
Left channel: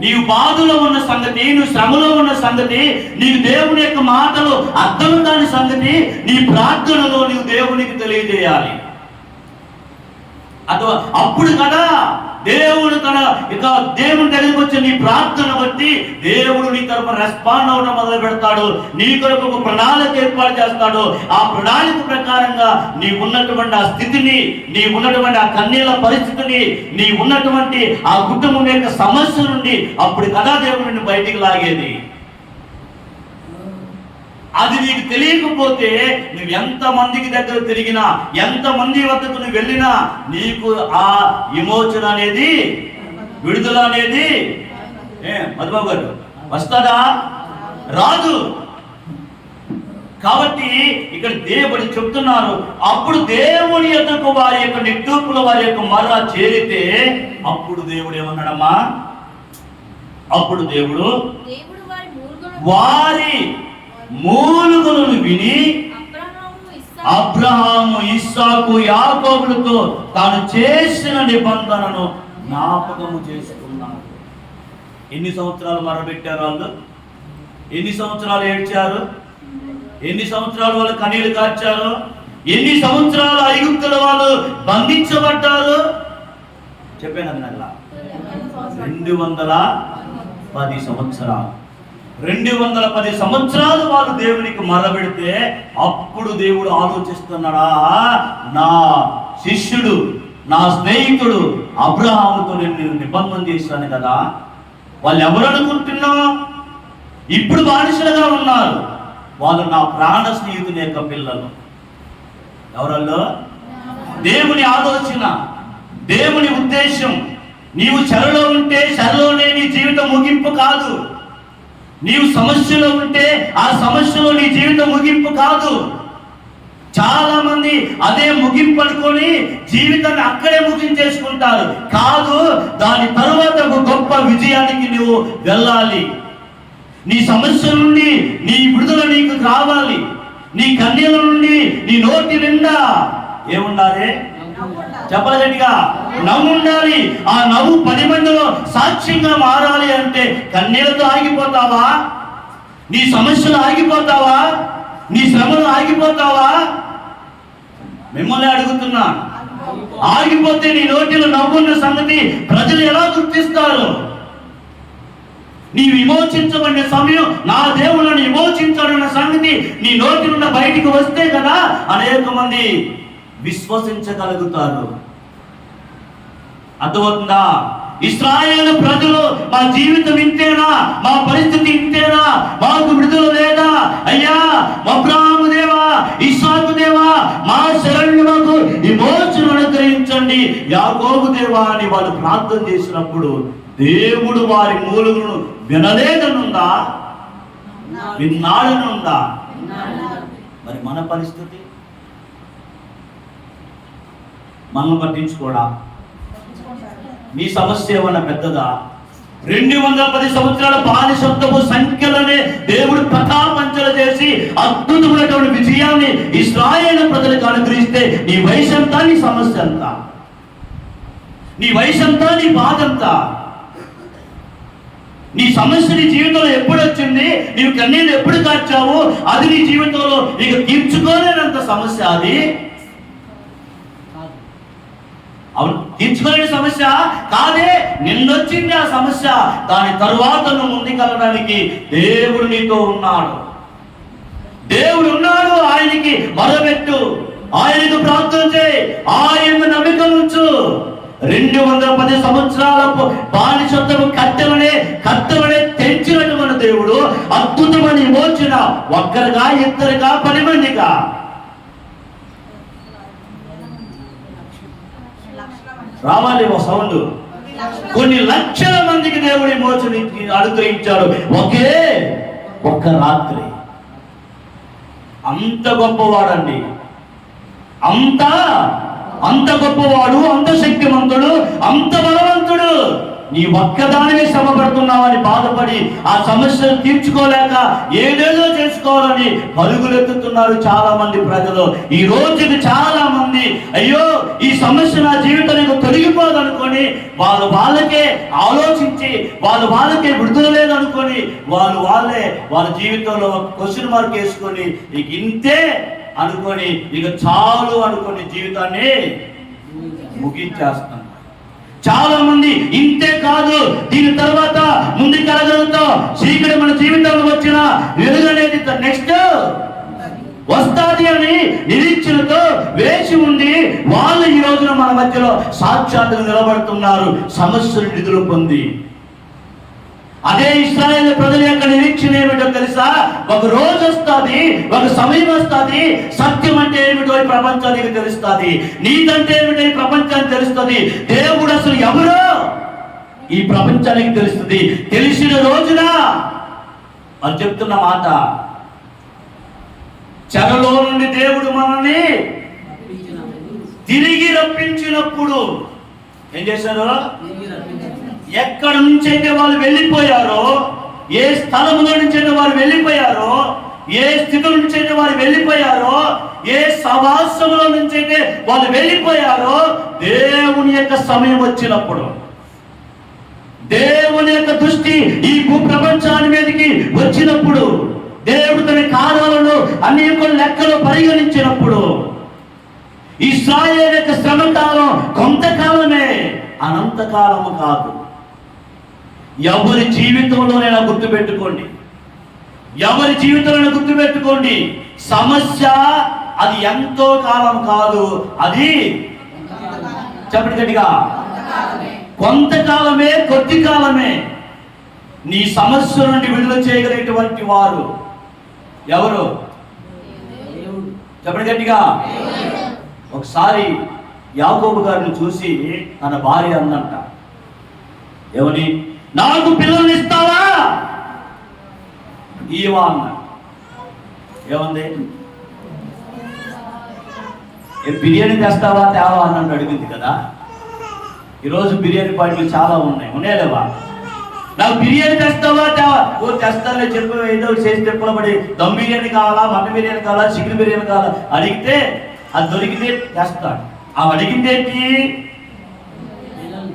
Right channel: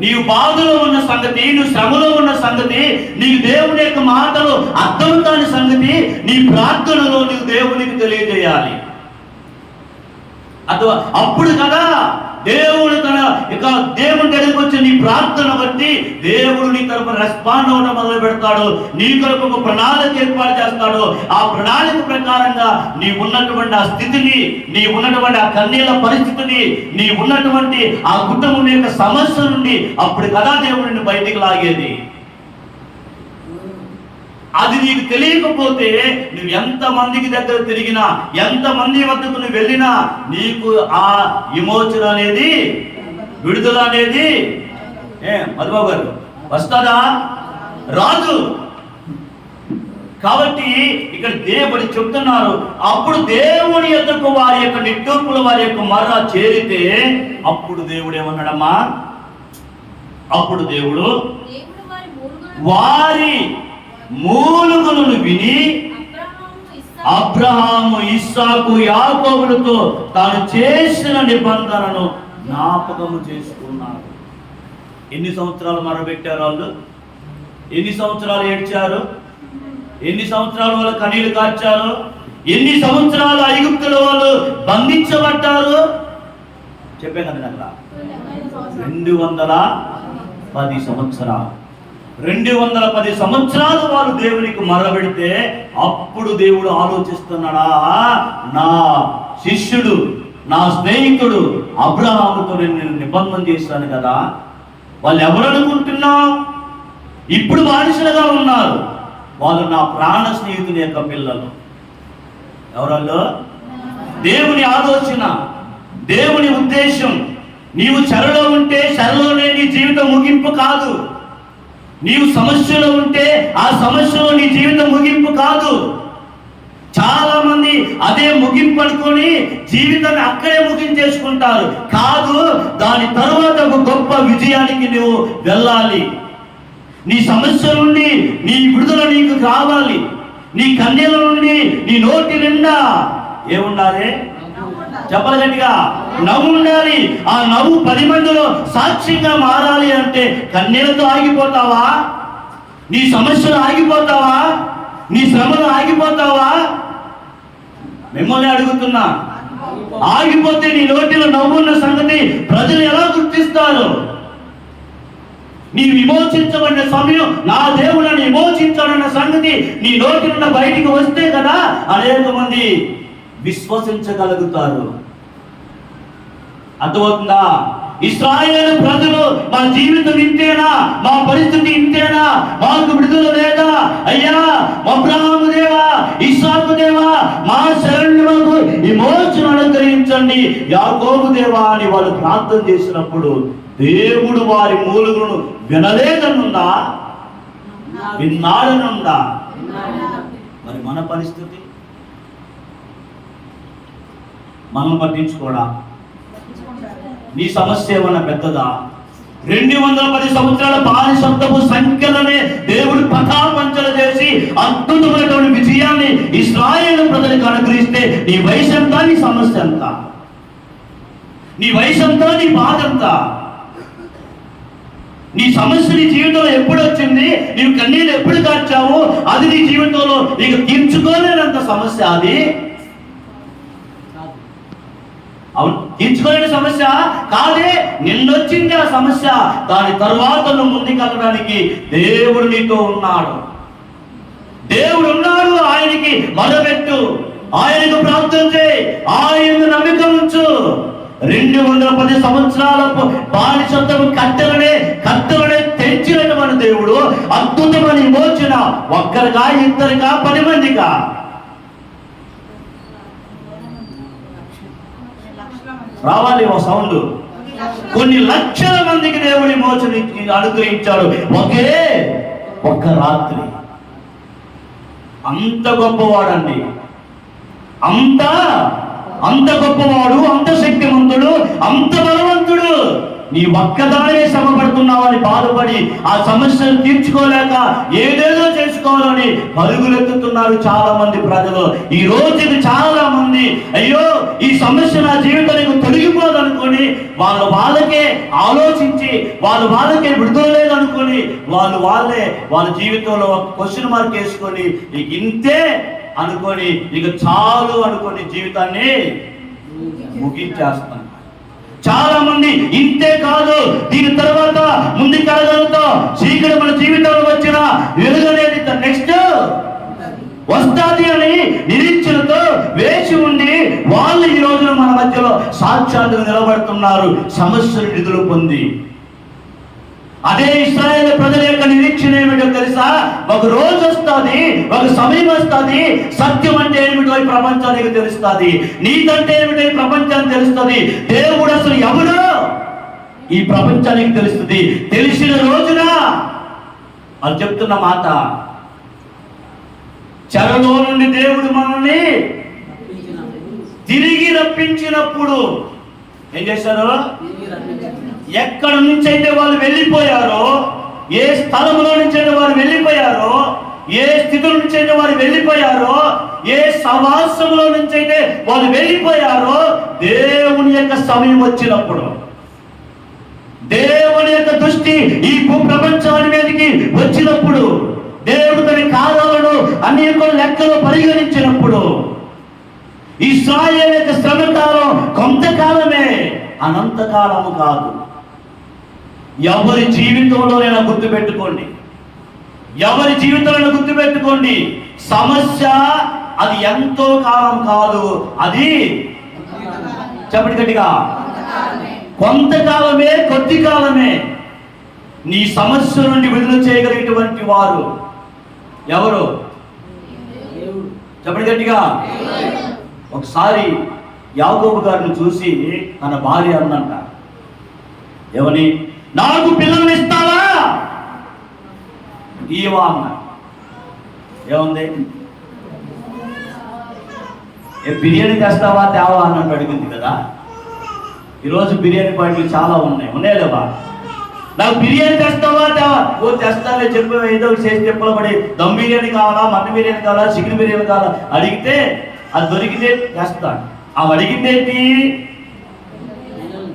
నీవు బాధలో ఉన్న సంగతి, నువ్వు శ్రమలో ఉన్న సంగతి, నీకు దేవుని యొక్క మాటలు అర్థం కాని సంగతి నీ ప్రార్థనలో నీవు దేవునికి తెలియజేయాలి. అప్పుడు కదా దేవుడు తన ఇక దేవుని దగ్గరికి వచ్చి నీ ప్రార్థన బట్టి దేవుడు నీ తరపు రెస్పాండ్ అవడం మొదలు పెడతాడు. నీ కొరకు ఒక ప్రణాళిక ఏర్పాటు చేస్తాడు. ఆ ప్రణాళిక ప్రకారంగా నీ ఉన్నటువంటి ఆ స్థితిని, నీ ఉన్నటువంటి ఆ కన్నీళ్ళ పరిస్థితిని, నీ ఉన్నటువంటి ఆ కుటుంబం యొక్క సమస్య నుండి అప్పుడు కదా దేవుడు నిన్ను బయటికి లాగేది. అది నీకు తెలియకపోతే నువ్వు ఎంత మందికి దగ్గర తిరిగినా, ఎంత మంది వద్దకు నువ్వు వెళ్ళినా నీకు ఆ విమోచన అనేది, విడుదల అనేది మధుబాబు గారు వస్తుందా? రాదు. కాబట్టి ఇక్కడ దేవుడు చెప్తున్నారు, అప్పుడు దేవుని యొద్దకు వారి యొక్క నిట్టూర్పుల, వారి యొక్క మర్ర చేరితే అప్పుడు దేవుడు ఏమన్నాడమ్మా? అప్పుడు దేవుడు వారి మూలుగులను విని అబ్రహాము, ఇస్సాకు, యాకోబులతో తాను చేసిన నిబంధనను జ్ఞాపకము చేసుకున్నాడు. ఎన్ని సంవత్సరాలు మొరబెట్టారు వాళ్ళు? ఎన్ని సంవత్సరాలు ఏడ్చారు? ఎన్ని సంవత్సరాలు వాళ్ళు కన్నీళ్లు కార్చారు? ఎన్ని సంవత్సరాలు ఐగుప్తుల వాళ్ళు బంధించబడ్డారు? చెప్పాను కదా అక్కడ 210 సంవత్సరాలు. 210 సంవత్సరాలు వాళ్ళు దేవునికి మొరబెడితే అప్పుడు దేవుడు ఆలోచిస్తున్నాడా, నా శిష్యుడు, నా స్నేహితుడు అబ్రహాముతో నేను నిబంధన చేశాను కదా, వాళ్ళు ఎవరు అనుకుంటున్నా? ఇప్పుడు బానిసలుగా ఉన్నారు. వాళ్ళు నా ప్రాణ స్నేహితుని యొక్క పిల్లలు. ఎవరల్లో? దేవుని ఆలోచన, దేవుని ఉద్దేశం. నీవు చెరలో ఉంటే చెరలోనే నీ జీవితం ముగింపు కాదు. నీవు సమస్యలో ఉంటే ఆ సమస్యలో నీ జీవితం ముగింపు కాదు. చాలా మంది అదే ముగింపు అనుకొని జీవితాన్ని అక్కడే ముగించేసుకుంటారు. కాదు, దాని తర్వాత ఒక గొప్ప విజయానికి నువ్వు వెళ్ళాలి. నీ సమస్య నుండి నీ విడుదల నీకు కావాలి. నీ కన్నీళ్ళ నుండి నీ నోటి నిండా ఏముండాలి? చెప్పలు గట్టిగా నవ్వు ఉండాలి. ఆ నవ్వు 10 మందిలో సాక్ష్యంగా మారాలి అంటే కన్నీళ్లతో ఆగిపోతావా? నీ సమస్యలు ఆగిపోతావా? నీ శ్రమలు ఆగిపోతావా? మిమ్మల్ని అడుగుతున్నా. ఆగిపోతే నీ నోటిలో నవ్వున్న సంగతి ప్రజలు ఎలా గుర్తిస్తారు? నీ విమోచించబడిన సమయం, నా దేవుళ్ళని విమోచించాలన్న సంగతి నీ నోటి నుండి బయటికి వస్తే కదా అనేక మంది విశ్వసించగలుగుతారు. అర్థమవుతుందా? ఇశ్రాయేలు ప్రజలు మా జీవితం ఇంతేనా, మా పరిస్థితి ఇంతేనా, మాకు విడుదల లేదా? అయ్యా అబ్రహాము దేవా, ఇస్సాకు దేవా, మా శరణ్యులకు విమోచన అనుగ్రహించండి, యాకోబు దేవా అని వాళ్ళు ప్రార్థన చేసినప్పుడు దేవుడు వారి మూలుగులను వినలేదనుందా? విన్నాడనుందా? మరి మన పరిస్థితి మనల్ని పట్టించుకోడా? నీ సమస్య ఏమన్నా పెద్దదా? 210 సంవత్సరాల బానిసత్వపు సంఖ్యలనే దేవుడు పటాపంచలు చేసి అద్భుతమైనటువంటి విజయాన్ని ఇశ్రాయేలు ప్రజలకు అనుగ్రహిస్తే నీ వయసు ఎంత? నీ సమస్య ఎంత? నీ వయసు ఎంత? నీ బాధ ఎంత? నీ సమస్య నీ జీవితంలో ఎప్పుడు వచ్చింది? నీవు కన్నీళ్ళు ఎప్పుడు కార్చావు? అది నీ జీవితంలో నీకు తీర్చుకోలేనంత సమస్య. అది అవును, తీర్చుకోలేని సమస్య కాదే, నిన్నొచ్చింది ఆ సమస్య. దాని తరువాత నువ్వు ముందుకెళ్ళడానికి దేవుడు నీతో ఉన్నాడు. దేవుడు ఉన్నాడు. ఆయనకి మొరబెట్టు, ఆయనకు ప్రార్థన చేయి, ఆయన నమ్మిక ఉంచు. 210 సంవత్సరాల బానిసత్వపు కట్టెలనే తెంచినటువంటి దేవుడు అద్భుతమైన విమోచన. ఒక్కరిగా, ఇద్దరిగా, 10 మందిగా? రావాలి ఓ సౌండ్. కొన్ని లక్షల మందికి దేవుడి విమోచన అనుగ్రహించాడు ఒక్క రాత్రి. అంత గొప్పవాడండి, అంత గొప్పవాడు, అంత శక్తివంతుడు, అంత బలవంతుడు. నీ ఒక్కదానినే శ్రమ పడుతున్నావని బాధపడి ఆ సమస్యను తీర్చుకోలేక ఏదేదో చేసుకోవాలని పరుగులెత్తుతున్నారు చాలా మంది ప్రజలు. ఈ రోజుకి చాలా మంది అయ్యో ఈ సమస్య నా జీవితానికి తొలగిపోదనుకొని వాళ్ళకే ఆలోచించి వాళ్ళకే విడుదల లేదనుకొని వాళ్ళ జీవితంలో ఒక క్వశ్చన్ మార్క్ వేసుకొని ఇక ఇంతే అనుకొని ఇక చాలు అనుకొని జీవితాన్ని ముగించేస్తాను. చాలా మంది ఇంతే కాదు, దీని తర్వాత ముందుకెళ్ళగలుగుతాం, చీకటి మన జీవితంలో వచ్చిన వెలుగు అనేది నెక్స్ట్ వస్తాది అని నిరీక్షణతో వేచి ఉండి వాళ్ళు ఈ రోజున మన మధ్యలో సాక్షాత్తుగా నిలబడుతున్నారు సమస్యలు నిధులు పొంది. అదే ఇశ్రాయేలు ప్రజల యొక్క నిరీక్షణ ఏమిటో తెలుసా? ఒక రోజు వస్తుంది, ఒక సమయం వస్తుంది, సత్యం అంటే ఏమిటో ఈ ప్రపంచానికి తెలుస్తుంది, నీతి అంటే ఏమిటో ఈ ప్రపంచానికి తెలుస్తుంది, దేవుడు అసలు ఎవరో ఈ ప్రపంచానికి తెలుస్తుంది. తెలిసిన రోజున అని చెప్తున్న మాట, చెరలో నుండి దేవుడు మనల్ని తిరిగి రప్పించినప్పుడు ఏం చేశారు? ఎక్కడి నుంచి అయితే వాళ్ళు వెళ్ళిపోయారో, ఏ స్థలంలో నుంచి అయితే వారు వెళ్ళిపోయారో, ఏ స్థితి నుంచి అయితే వారు వెళ్ళిపోయారో, ఏ సమాసంలో నుంచి అయితే వాళ్ళు వెళ్ళిపోయారో, దేవుని యొక్క సమయం వచ్చినప్పుడు, దేవుని యొక్క దృష్టి ఈ భూప్రపంచాన్ని మీదకి వచ్చినప్పుడు, దేవుడు తన కార్యాలను అనేక లెక్కలు పరిగణించినప్పుడు, ఇశ్రాయేలు యొక్క శ్రమకాలం కొంతకాలమే, అనంతకాలము కాదు. ఎవరి జీవితంలోనైనా గుర్తుపెట్టుకోండి, ఎవరి జీవితంలో గుర్తుపెట్టుకోండి, సమస్య అది ఎంతో కాలం కాదు, అది చెప్పండి గట్టిగా, కొంతకాలమే, కొద్ది కాలమే. నీ సమస్య నుండి విడుదల చేయగలిగినటువంటి వారు ఎవరు? చెప్పండి గట్టిగా. ఒకసారి యాకోబు గారిని చూసి తన భార్య అందంట, ఏమని, నాకు పిల్లల్ని ఇస్తావా? ఈవా అన్న. ఏముంది, బిర్యానీ తెస్తావా తేవా అన్నట్టు అడిగింది కదా. ఈరోజు బిర్యానీ పార్టీలు చాలా ఉన్నాయి లేవా? నాకు బిర్యానీ తెస్తావా తేవా? ఓ తెస్తాలే చెప్పు, ఏదో చేసి చెప్పలో పడి, దమ్ బిర్యానీ కావాలా, మటన్ బిర్యానీ కావాలా, చికెన్ బిర్యానీ కావాలా అడిగితే అది దొరికితే తెస్తాడు. అవి అడిగింది ఏంటి?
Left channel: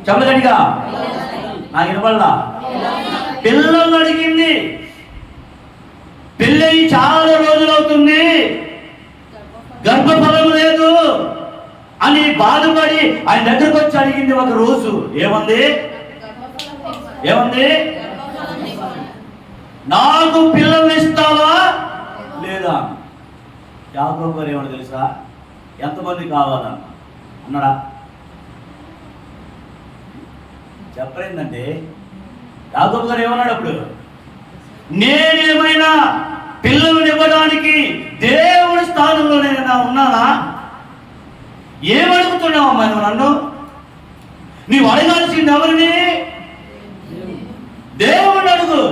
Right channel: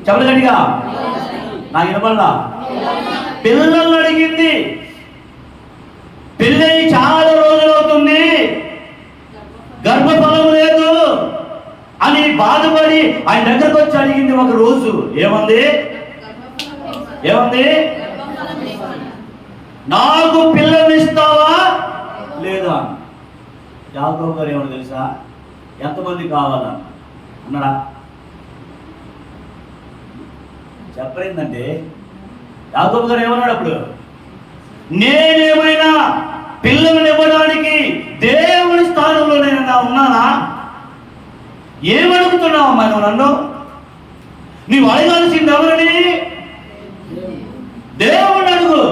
చెప్పలు గట్టిగా, నాకు వినపడలా. పిల్లలు అడిగింది. పెళ్ళి చాలా రోజులు అవుతుంది, గర్భఫలం లేదు అని బాధపడి ఆయన దగ్గరకు వచ్చి అడిగింది ఒక రోజు. ఏమంది? నాకు పిల్లల్ని ఇస్తావా లేదా? యాకోబు గారు ఏమన్నా తెలుసా? ఎంతమంది కావాలన్న అన్నాడా? చెప్పలేదంటే యాకోబు గారు ఏమన్నాడు అప్పుడు? నేనేమైనా పిల్లలను ఇవ్వడానికి దేవుడి స్థానంలో నేను ఉన్నానా? ఏమడుగుతున్నావమ్మా నువ్వు నన్ను? నీవు అడగాల్సింది ఎవరిని? దేవుడు అడుగు.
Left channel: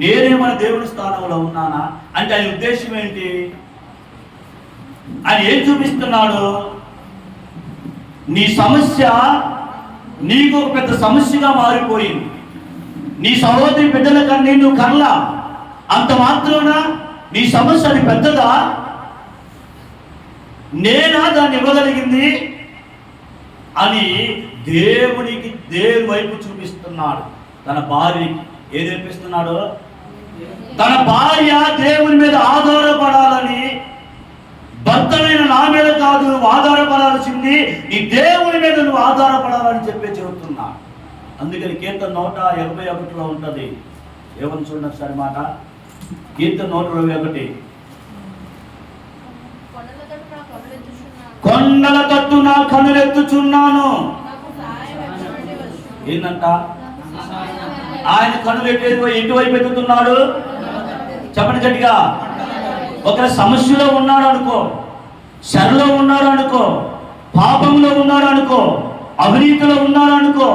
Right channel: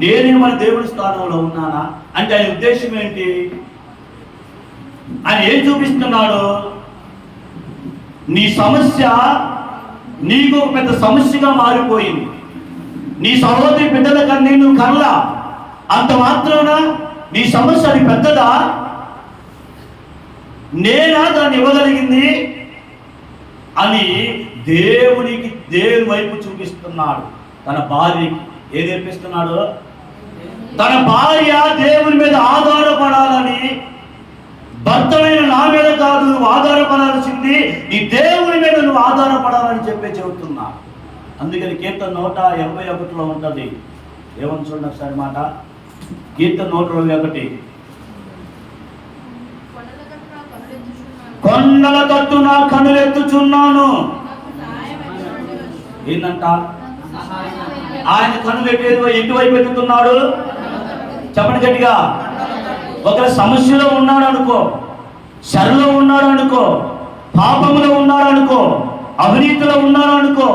నేనేమైనా దేవుడి స్థానంలో ఉన్నానా అంటే ఆయన ఉద్దేశం ఏంటి? ఆయన ఏం చూపిస్తున్నాడు? నీ సమస్య నీకు ఒక పెద్ద సమస్యగా మారిపోయింది. నీ సహోదరి బిడ్డల కన్నా నువ్వు కనలా, అంత మాత్రాన నీ సమస్య అది పెద్దదా? నేనా దాన్ని ఇవ్వగలిగింది అని దేవుని వైపు చూపిస్తున్నాడు. తన భార్యకి ఏది నేర్పిస్తున్నాడు? తన భార్య దేవుని మీద ఆధారపడాలని, భర్తనైన నా మీద కాదు నువ్వు ఆధారపడాల్సింది, నీ దేవుని మీద నువ్వు ఆధారపడాలని చెబుతున్నా. అందుకని కీర్తన 121లో ఉంటుంది. ఏమని చూడండి ఒకసారి మాట. కీర్తన 121. కొండల తట్టు నా కనులెత్తుచున్నాను. ఏంటంట? ఆయన కనులు ఎటువైపు ఎత్తుతున్నాడు? చెప్పండి గట్టిగా. ఒకరి సమస్యలో ఉన్నాడు అనుకో, శరలో ఉన్నాడు అనుకో, పాపములో ఉన్నాడు అనుకో, అవినీతిలో ఉన్నాడు అనుకో,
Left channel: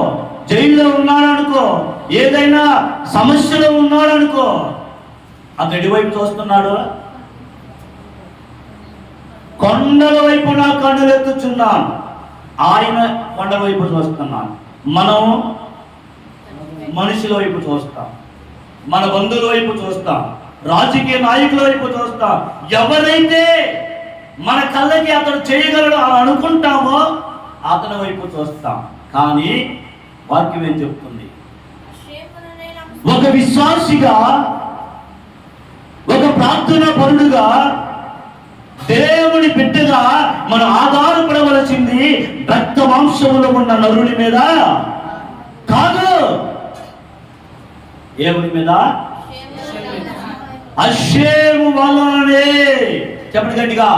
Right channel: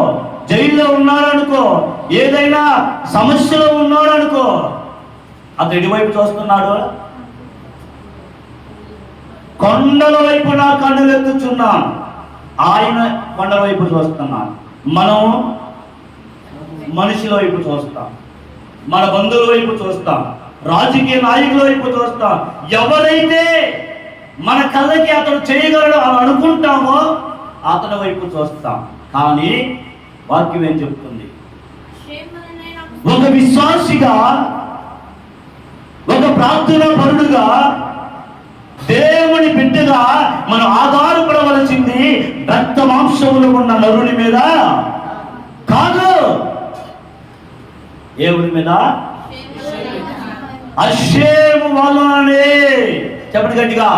జైల్లో ఉన్నాడు అనుకో, ఏదైనా సమస్యలో ఉన్నాడు అనుకో, అతడు ఎటువైపు చూస్తున్నాడు? కొండల వైపు నా కన్నులెత్తుచున్నాను. ఆయన కొండల వైపు చూస్తున్నాను. మనం మనుషుల వైపు చూస్తాం, మన బంధువుల వైపు చూస్తాం, రాజకీయ నాయకుల వైపు చూస్తాం. ఎవరైతే మన కళ్ళకి అతడు చేయగలడు అని అనుకుంటామో అతని వైపు చూస్తాం. కానీ వాక్యం ఏం చెప్తుంది? ఒక విశ్వాసిగా, ఒక ప్రార్థనా పరుడుగా, దేవుని బిడ్డగా మనం ఆధారపడవలసింది రక్త మాంసములో ఉన్న నరుని మీద కాదు, దేవుని మీద. అషేము వలననే. చెప్పండి గట్టిగా.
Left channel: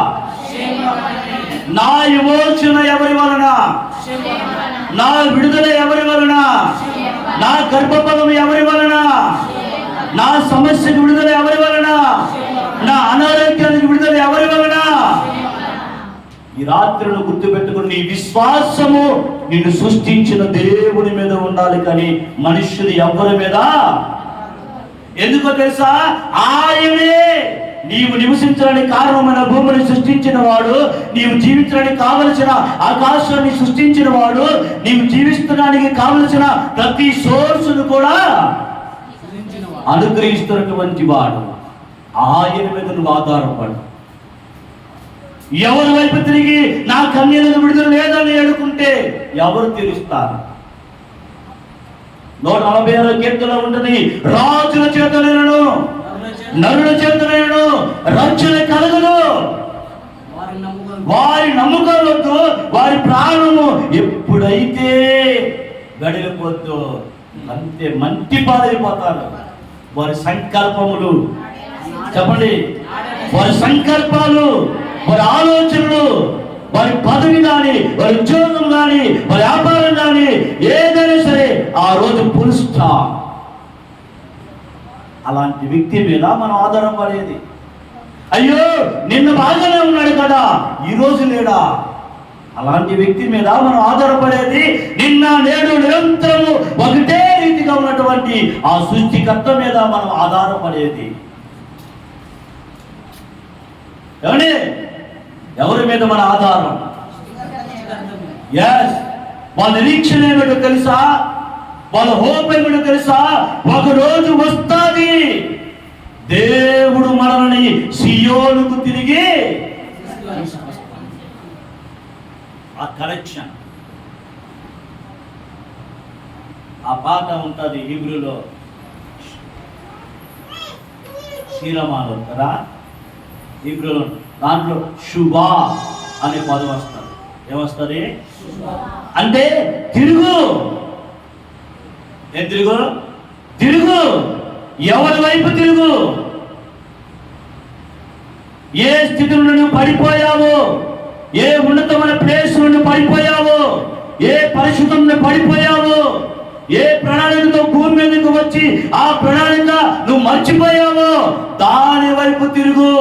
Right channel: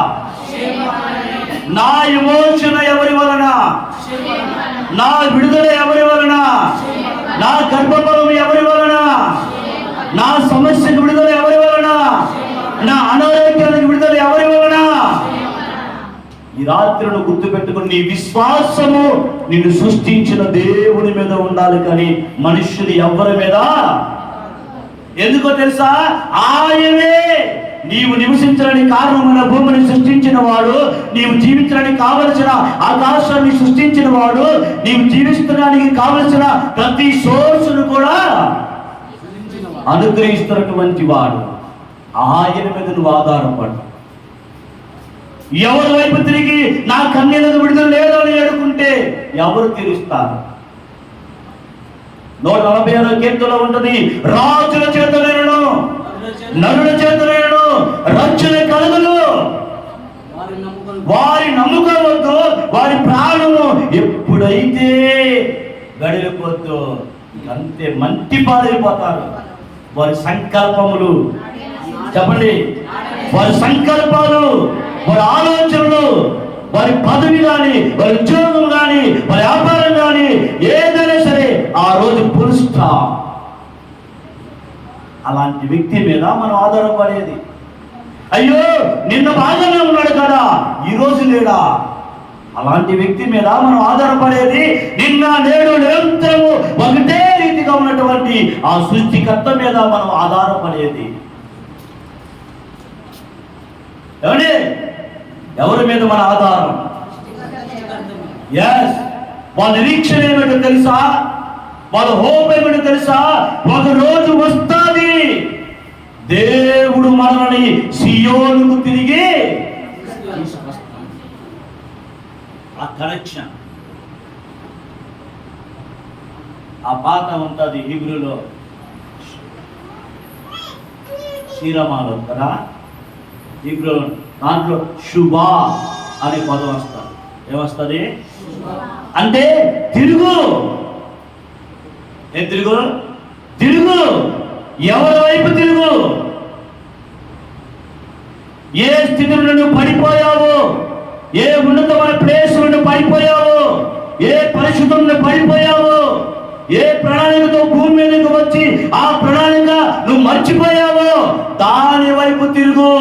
నా విమోచన ఎవరి వలన? నా విడుదల ఎవరి వలన? నా గర్భఫలం ఎవరి వలన? నా సమస్యకు విడుదల ఎవరి వలన? నా అనారోగ్యానికి విడుదల ఎవరి వలన? ఈ రాత్రులు గుర్తు పెట్టుకుని నీ విశ్వాసము నిన్ను సృష్టించిన దేవుని మీద ఉండాలి, కానీ మనుష్యులు ఎవరి మీద. ఎందుకో తెలుసా? ఆయనే నీవు నివసించడానికి కారణమైన భూమిని సృష్టించిన వాడు, నీవు జీవించడానికి కావలసిన ఆకాశాన్ని సృష్టించిన వాడు, నీవు జీవించడానికి కావలసిన ప్రతి సోర్సును కూడా అనుగ్రహిస్తున్నటువంటి వాడు. ఆయన మీద నువ్వు ఆధారపడు. ఎవరి వైపు తిరిగి నా కన్యలకు విడుదల లేదని అడుగుంటే ఎవరు తీరుస్తారు? 146వ కీర్తనలో ఉంటుంది, రాజుల చేతనైనను నరుల చేతనైనను రక్షణ కలుగును, వారి నమ్ముకోవద్దు, వారి ప్రాణము ఎప్పుడైతే గడిలిపోద్దో అంతే మంటి పాలైపోతారు. వారి సంకల్పములు, చెప్పండి, వారి సంకల్పాలు, వారి ఆలోచనలు, వారి పదవి కానీ, వారి ఉద్యోగం కానీ, వారి వ్యాపారం కానీ ఏదైనా సరే ఆ రోజు ఫుల్ స్టాప్. అలాంటి వ్యక్తి మీద మనం ఆధారపడేది. అయ్యో నిన్న బాగానే ఉన్నాడు కదా, ఈరోజు లేడా? అలాంటి వ్యక్తి మీద మనం ఆధారపడేది. నిన్న నేడు నిరంతరము ఒకటే రీతిగా ఉన్నటువంటి ఆ సృష్టికర్త మీద మనం ఆధారపడేది. ఏమండి, ఎవరి మీద మన ఆధారం? ఎస్, వాళ్ళ నిరీక్షణ ఏమిటో తెలుసా? వాళ్ళ హోప్ ఏమిటో తెలుసా? ఒక రోజు వస్తుంది, దేవుడు మనల్ని సియోనుకు తిరిగి ఆ కనెక్షన్, ఆ పాట ఉంటుంది హీబ్రూలో, శీలమాలో కదా హీబ్రూలో, దాంట్లో శుభా అనే పదం వస్తుంది. ఏమొస్తుంది అంటే తిరుగు. ఏం తిరుగు? తిరుగు. ఎవరి వైపు తిరుగు? ఏ స్థితి నుండి నువ్వు పడిపోయావో, ఏ ఉన్నతమైన ప్లేస్ నుండి పడిపోయావో, ఏ పరిస్థితుల నుండి పడిపోయావో, ఏ ప్రణాళికతో భూమి మీదకు వచ్చి ఆ ప్రణాళిక నువ్వు మర్చిపోయావో దాని వైపు తిరుగు.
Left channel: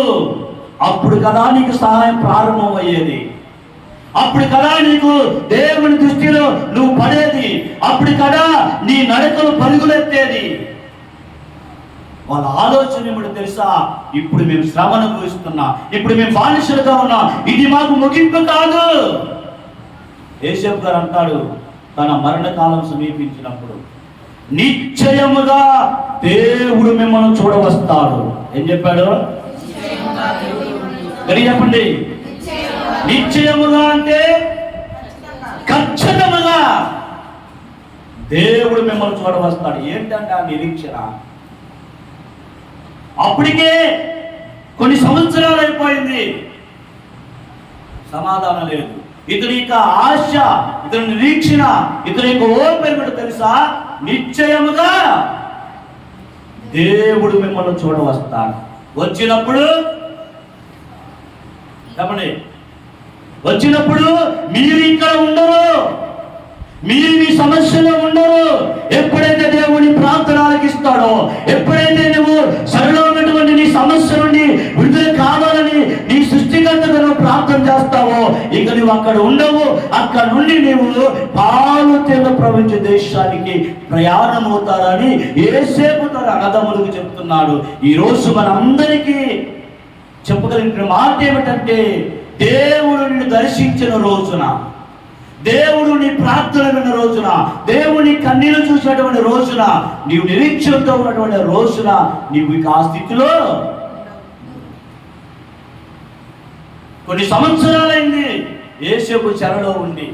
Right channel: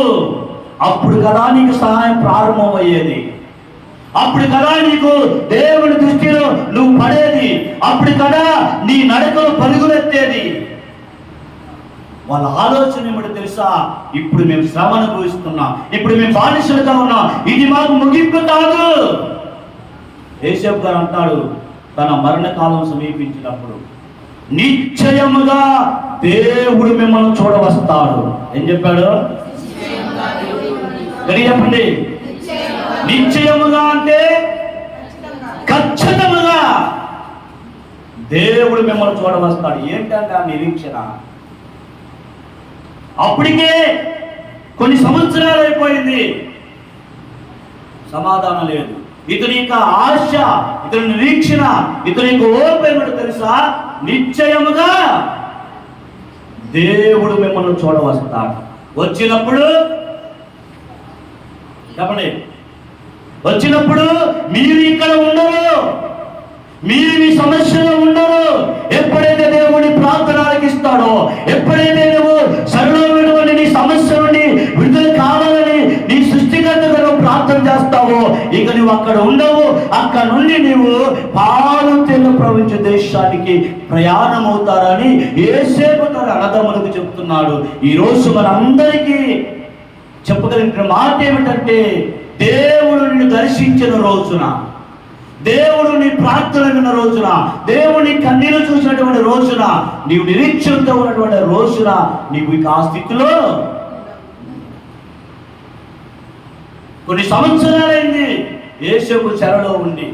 అప్పుడు కదా నీకు సహాయం ప్రారంభమయ్యేది. అప్పుడు కదా నీకు దేవుని దృష్టిలో నువ్వు పడేది. అప్పుడు కదా నీ నడకలు పరుగులెత్తేది. వాళ్ళ ఆలోచన ఏమిటో తెలుసా? ఇప్పుడు మేము శ్రమ అనుభవిస్తున్నాం, ఇప్పుడు మేము బానిసలుగా ఉన్నాం, ఇది మాకు ముగింపు కాదు. యేసేపు గారు అంటాడు, తన మరణకాలం సమీపించినప్పుడు నిశ్చయముగా దేవుడు మిమ్మల్ని చూడవస్తాడు. ఏం చెప్పాడు? చెప్పండి. నిశ్చయముగా అంటే ఖచ్చితంగా దేవుడు మిమ్మల్ని చూడవస్తాడు. ఏంటంటే ఆ నిరీక్షణ. అప్పటికే కొన్ని సంవత్సరాలు అయిపోయింది, సమాధానం లేదు. ఇతని యొక్క ఆశ, ఇతని నిరీక్షణ, ఇతని యొక్క ఓర్పు ఏమిటో తెలుసా? నిశ్చయముగా దేవుడు మిమ్మల్ని చూడవస్తాడు. వచ్చినప్పుడు చెప్పండి, వచ్చినప్పుడు మీరు ఇక్కడ ఉండరు, మీరు మీ సమస్యలో ఉండరు. ఎప్పుడైతే దేవుని ప్రార్థన ఆలకిస్తాడో, ఎప్పుడైతే నువ్వు సరళమైనటువంటి నీ సమస్య నుండి విడుదల కావాలని నీ సృష్టికర్తగా నువ్వు ప్రార్థన చేస్తావో, ఇక నువ్వు అక్కడ ఉండవు. అక్కడ నుండి నువ్వు పాలు తెల్ల ప్రపంచ దేశానికి ప్రయాణం అవుతారని యేసేపు తన అన్నదమ్ములకు చెప్తున్నాడు. ఈరోజు మనందరికీ చెప్పగలిగిన మాట ఏమిటంటే, దేవుడు నిన్ను దర్శించిన రోజున, దేవుడు నీ ప్రార్థన విన్న రోజున, దేవుని కన్నీళ్లు చూసినటువంటి రోజున, నీవు నిరీక్షణతో ఉన్నటువంటి రోజున నీవు ఇక ఆ స్థితిలో కొన్ని సంవత్సరాలైంది. యేసేపు చెరలో ఉండి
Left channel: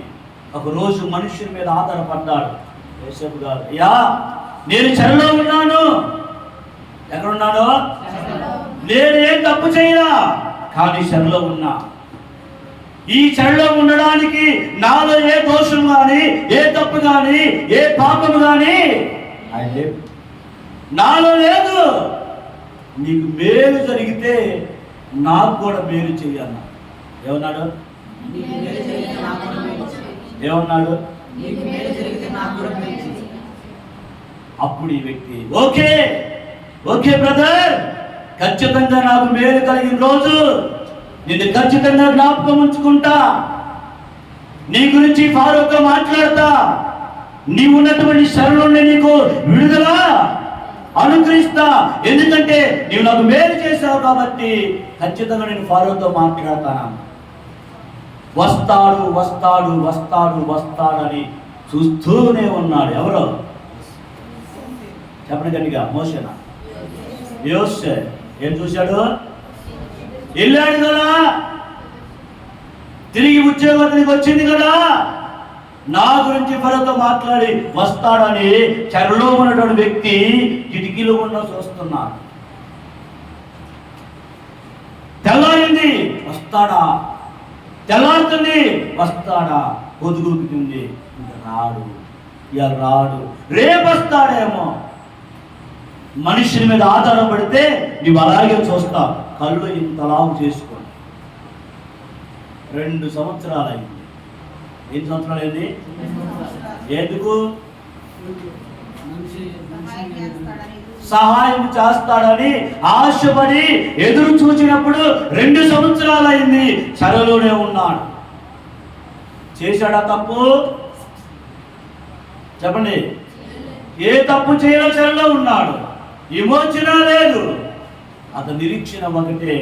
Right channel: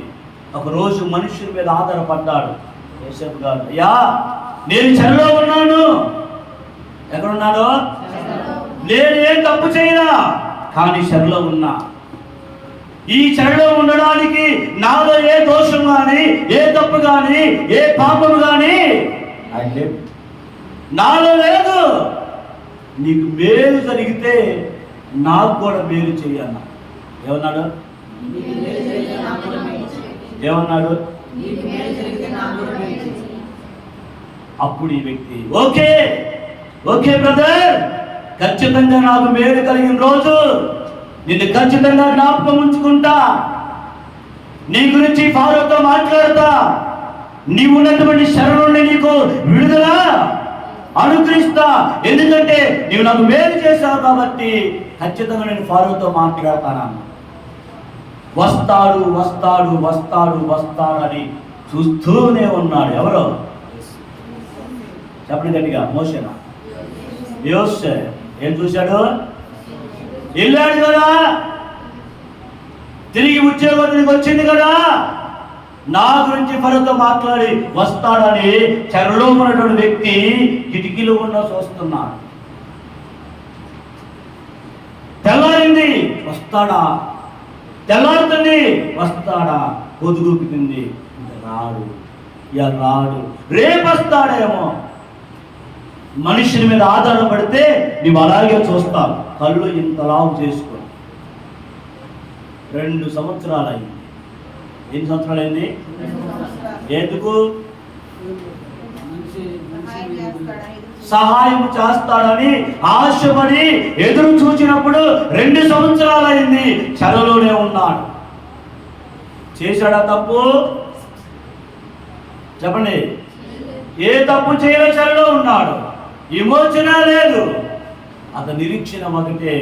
ఒక రోజు మనుషుని మీద ఆధారపడ్డాడు. యేసేపు గారు, అయ్యా నేను చెరలో ఉన్నాను. ఎక్కడున్నాను? నేనేం తప్పు చేయరా, కానీ చెరలో ఉన్నా. ఈ చెరలో ఉండడానికి నాలో ఏ దోషం కానీ, ఏ తప్పు కానీ, ఏ పాపము కానీ నాలో లేదు. నీకు మేలు జరిగితే నాకు కూడా మేలు చెయ్యన్నా. ఏమన్నాడు? ఏమన్నాడు? అప్పుడు ఈ వ్యక్తి ఓకే ఓకే బ్రదర్, ఖచ్చితంగా నాకు మేలు కలిగిన రోజు నిన్ను ఖచ్చితంగా జ్ఞాపకం ఉంచుకుంటా, నీ గురించి ఫారోతో మాట్లాడతా, నీవు ఉన్నటువంటి శరణు నుండి నీకు విడుదల అనుగ్రహిస్తా. ఎందుకంటే నీవు నాకు మేలు చేశావు వచ్చావు కాబట్టి ఖచ్చితంగా నేను ఫరోతో మాట్లాడతాను. వస్తాడు వస్తాడు వస్తాడు వస్తాడు అని చూస్తూనే ఉన్నాడు. ఎవరో చెప్పండి గట్టిగా. మోషేనా? యోసే. ఏం చూశాడు? వెళ్ళాడు కదా, తిరిగి ఉద్యోగానికి వచ్చింది కదా, నా గురించి ఫరోతో మాట్లాడి వస్తాడని చెరలో ఉన్నటువంటి వ్యక్తి కిటికీలో ఉన్న చూస్తున్నాడు. తెల్లారింది, వస్తాడా? తెల్లారుతుంది, వస్తాడా? పొదుగుతుంది, ఇంకా రాడు, ఇక రాడు, రేపు వస్తాడేమో. మనుషుల మీద ఆధారపడితే నీవు అలాగే చూస్తావు. కళ్ళు ఇంతలావు చేసుకొని 2 సంవత్సరాలు అయింది. ఎన్ని సంవత్సరాలు అయింది? ఎందుకు? సహాయం చేస్తాడని ఆశపడి ఎదురు చూసినప్పుడు 2 సంవత్సరాలు అయింది, చెరలోనే ఉన్నాడు. చేశాడా తప్పు? చెప్పండి. ఏ తప్పు చేయలే, చెరలో ఉన్నాడు. విమోచన లేదు. అతని నిరీక్షణ ఒకటే,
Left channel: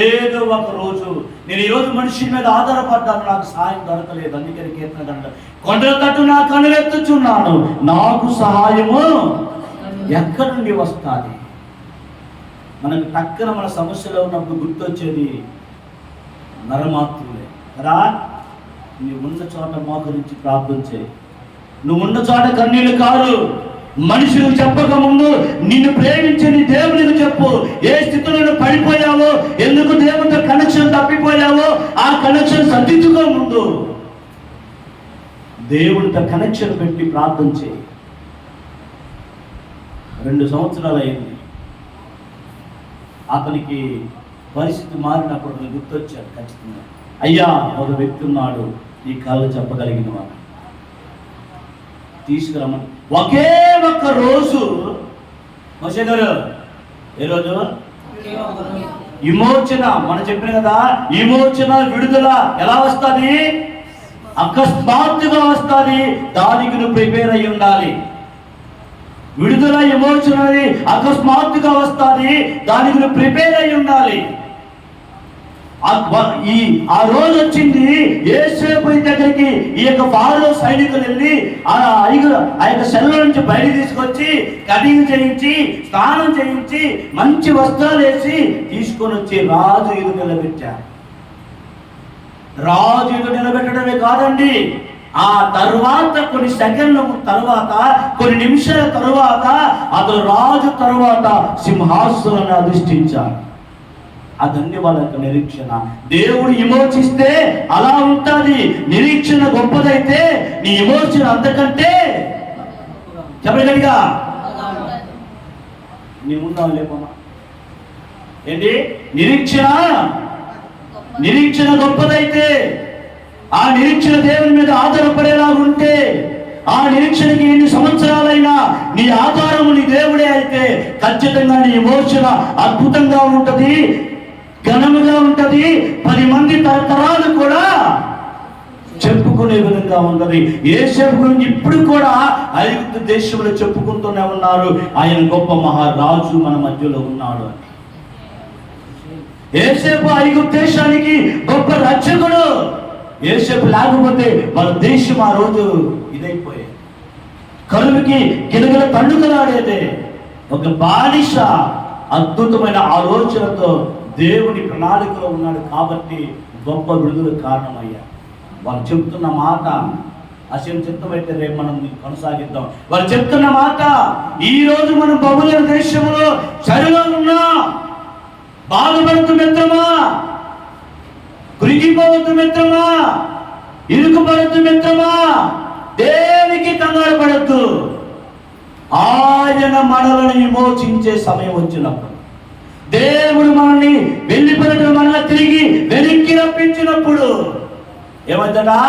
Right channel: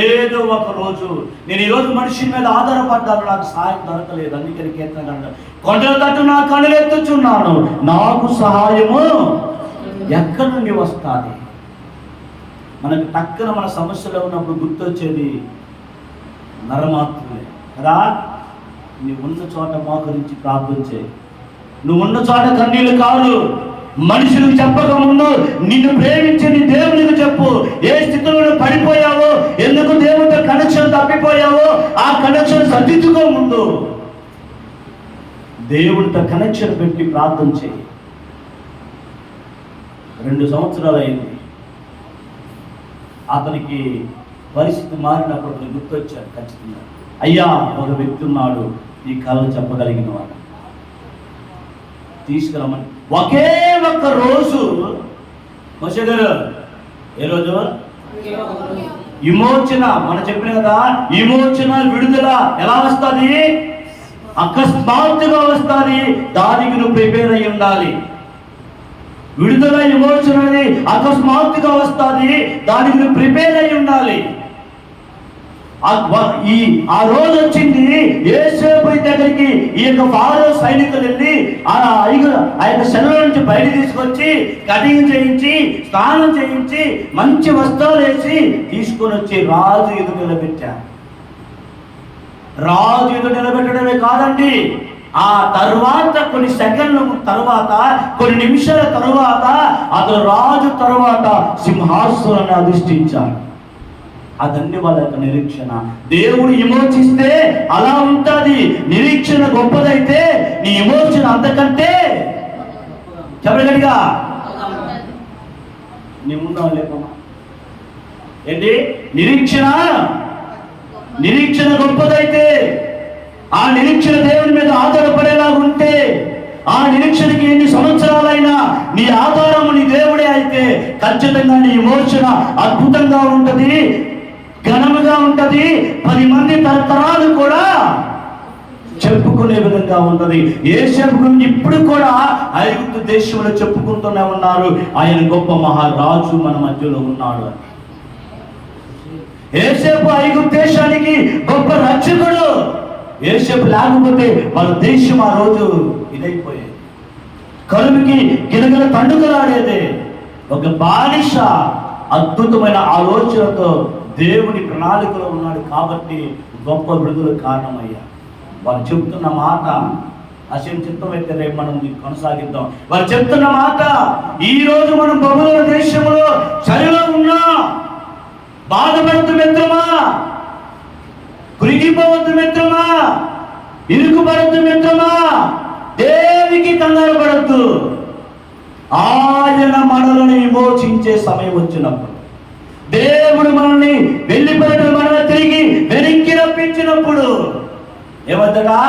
ఏదో ఒక రోజు నేను ఈరోజు మనిషి మీద ఆధారపడ్డాను, నాకు సహాయం దొరకలేదు. అందుకని కీర్తన కొండల తట్టు నా కన్నులెత్తుచున్నాను, నాకు సహాయము ఎక్కడి నుండి వస్తుంది? మనకు టక్కన మన సమస్యలో ఉన్నప్పుడు గుర్తొచ్చేది నరమాత్రులే కదా. నువ్వు ఉన్న చోట మోకరించి ప్రార్థన చేయి. నువ్వు ఉన్న చోట కన్నీళ్ళు కాదు. మనుషులకు చెప్పక ముందు నిన్ను ప్రేమించే నీ దేవునికి చెప్పు. ఏ స్థితిలో పడిపోయావో, ఎందుకు దేవునితో కనెక్షన్ తప్పిపోయావో ఆ కనెక్షన్ సర్దించుకో. ముందు దేవునితో కనెక్షన్ పెట్టి ప్రార్థన చేయి. 2 సంవత్సరాలు అయింది. అతనికి పరిస్థితి మారినప్పుడు గుర్తొచ్చాడు ఖచ్చితంగా. అయ్యా, ఒక వ్యక్తి ఉన్నాడు ఈ కళలు చెప్పగలిగిన వాడు, తీసుకురమ్మని. ఒకే ఒక్క రోజు మోషే గారు, ఏ రోజు? విమోచన. మనం చెప్పిన కదా, విమోచన విడుదల ఎలా వస్తుంది? అకస్మాత్తుగా వస్తుంది. దానికి నువ్వు ప్రిపేర్ అయి ఉండాలి. విడుదల విమోచన అకస్మాత్తుగా వస్తుంది, దానికి నువ్వు ప్రిపేర్ అయి ఉండాలి. ఆ రోజు వచ్చింది. యోసేపు దగ్గరికి ఈ యొక్క ఫారో సైనికులు వెళ్ళి ఆ యొక్క సెలవు నుంచి బయట తీసుకొచ్చి కటింగ్ చేయించి స్నానం చేయించి మంచి వస్త్రాలు వేసి తీసుకొని వచ్చి రాజు ఎదురు నిలబెట్టారు. రాజు ఎదురు నిలబెట్టడమే కాదండి, ఆ తర్వాత కొన్ని సెకండ్ల తర్వాత, కొన్ని నిమిషాల తరువాత అతను రాజు తరువాత సింహాసనాన్ని అధిష్ఠించాడు. అదన్నీ వాళ్ళ యొక్క నిరీక్షణ. దేవుడు విమోచిస్తే అలా ఉంటుంది. నిరీక్షణ గొప్పదైతే నీ విమోచన అంతకంటే చెప్పగలిగా నీ ముందు లేపమ్మా. ఏంటి? నిరీక్షణ గొప్పదైతే, ఆ నిరీక్షణ దేవుని మీద ఆధారపడేలాగా ఉంటే, ఆ నిరీక్షణకి ఎన్ని సంవత్సరాలైనా నీ ఆధారము నీ దేవుడే అయితే ఖచ్చితంగా నీ విమోచన అద్భుతంగా ఉంటుంది, ఘనముగా ఉంటది. 10 మంది తరతరాలు కూడా చెప్పుకునే విధంగా ఉంటది. యోసేపు గురించి ఇప్పుడు కూడా ఐగుప్తు దేశంలో చెప్పుకుంటూనే ఉన్నారు, ఆయన గొప్ప మహారాజు మన మధ్యలో ఉన్నాడు అని. యోసేపు ఐగుప్తు దేశానికి గొప్ప రక్షకుడు. యోసేపు లేకపోతే వాళ్ళ దేశం ఆ రోజు ఇదైపోయేది, కరువుకి గిలగిల పండుగలాడేదే. ఒక బానిస అద్భుతమైన ఆలోచనతో దేవుని ప్రణాళికలో ఉన్నాడు కాబట్టి గొప్ప విడుదల కారణమయ్యా. వాళ్ళు చెప్తున్న మాట అసలు చిత్తమైతే రేపు మనం కొనసాగిద్దాం. వాళ్ళు చెప్తున్న మాట, ఈ రోజు మనం బబులోను దేశంలో చలిలో ఉన్నా బాధపడద్దు మిత్రమా, కురిగిపోవద్దు మిత్రమా, ఇరుకుపడద్దు మిత్రమా, దేనికి కంగారు పడద్దు. ఆయన మనల్ని విమోచించే సమయం వచ్చినప్పుడు, దేవుడు మనల్ని వెళ్ళిపోయిన మనల్ని తిరిగి వెనక్కి రప్పించినప్పుడు ఏమవుతుందా?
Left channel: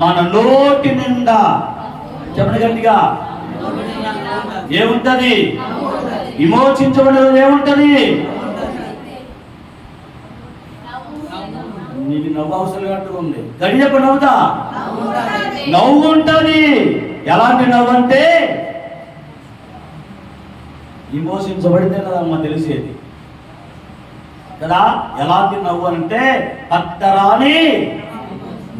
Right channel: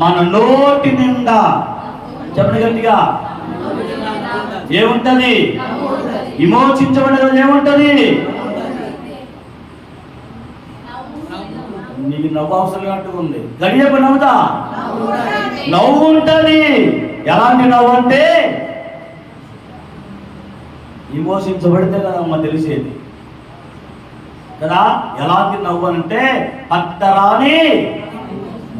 మన నోటి నిండా చెప్పండి గట్టిగా ఏముంటది? విమోచించబడిన ఏముంటది? నీకు నవ్వు అవసరం అంటూ ఉంది. గడియపు నవ్వుతా నవ్వు ఉంటుంది. ఎలాంటి నవ్వు అంటే విమోచించబడితే కదమ్మ తెలిసేది కదా. ఎలాంటి నవ్వు అంటే పట్టరాని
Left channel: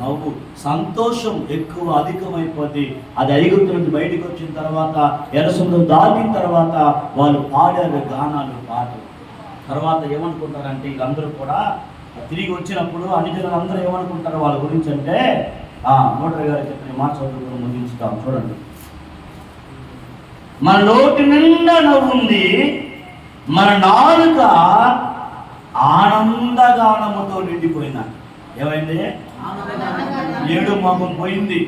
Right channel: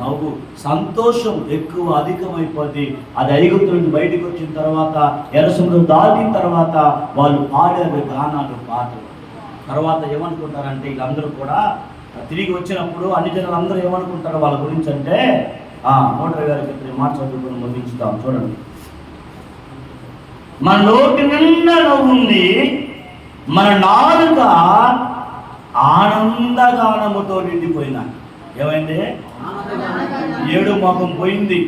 నవ్వు, సంతోషం ఎక్కువ అధికమైపోద్ది. అది ఐగుప్తు నుంచి బయటకు వచ్చిన తర్వాత, ఎరసములు దాటిన తర్వాత వాళ్ళు పాడారు గానాలు, పాటలు. తర్వాత ఏమనుకుంటారంటే వీళ్ళందరూ కూడా తిరిగి వచ్చినప్పుడు అన్ని జనాలు అందరూ ఏమనుకుంటారు వాళ్ళ గురించి అంటే, నోటరి గారు చెప్పిన మాట చదువుకుని ముగించుతాం చూడండి. మన నోటి నిండా నవ్వుంది, మన నాలుక ఆనందగానముతో నిండిపోయినా. ఏమైంది? ఏడు మొహం పోయింది,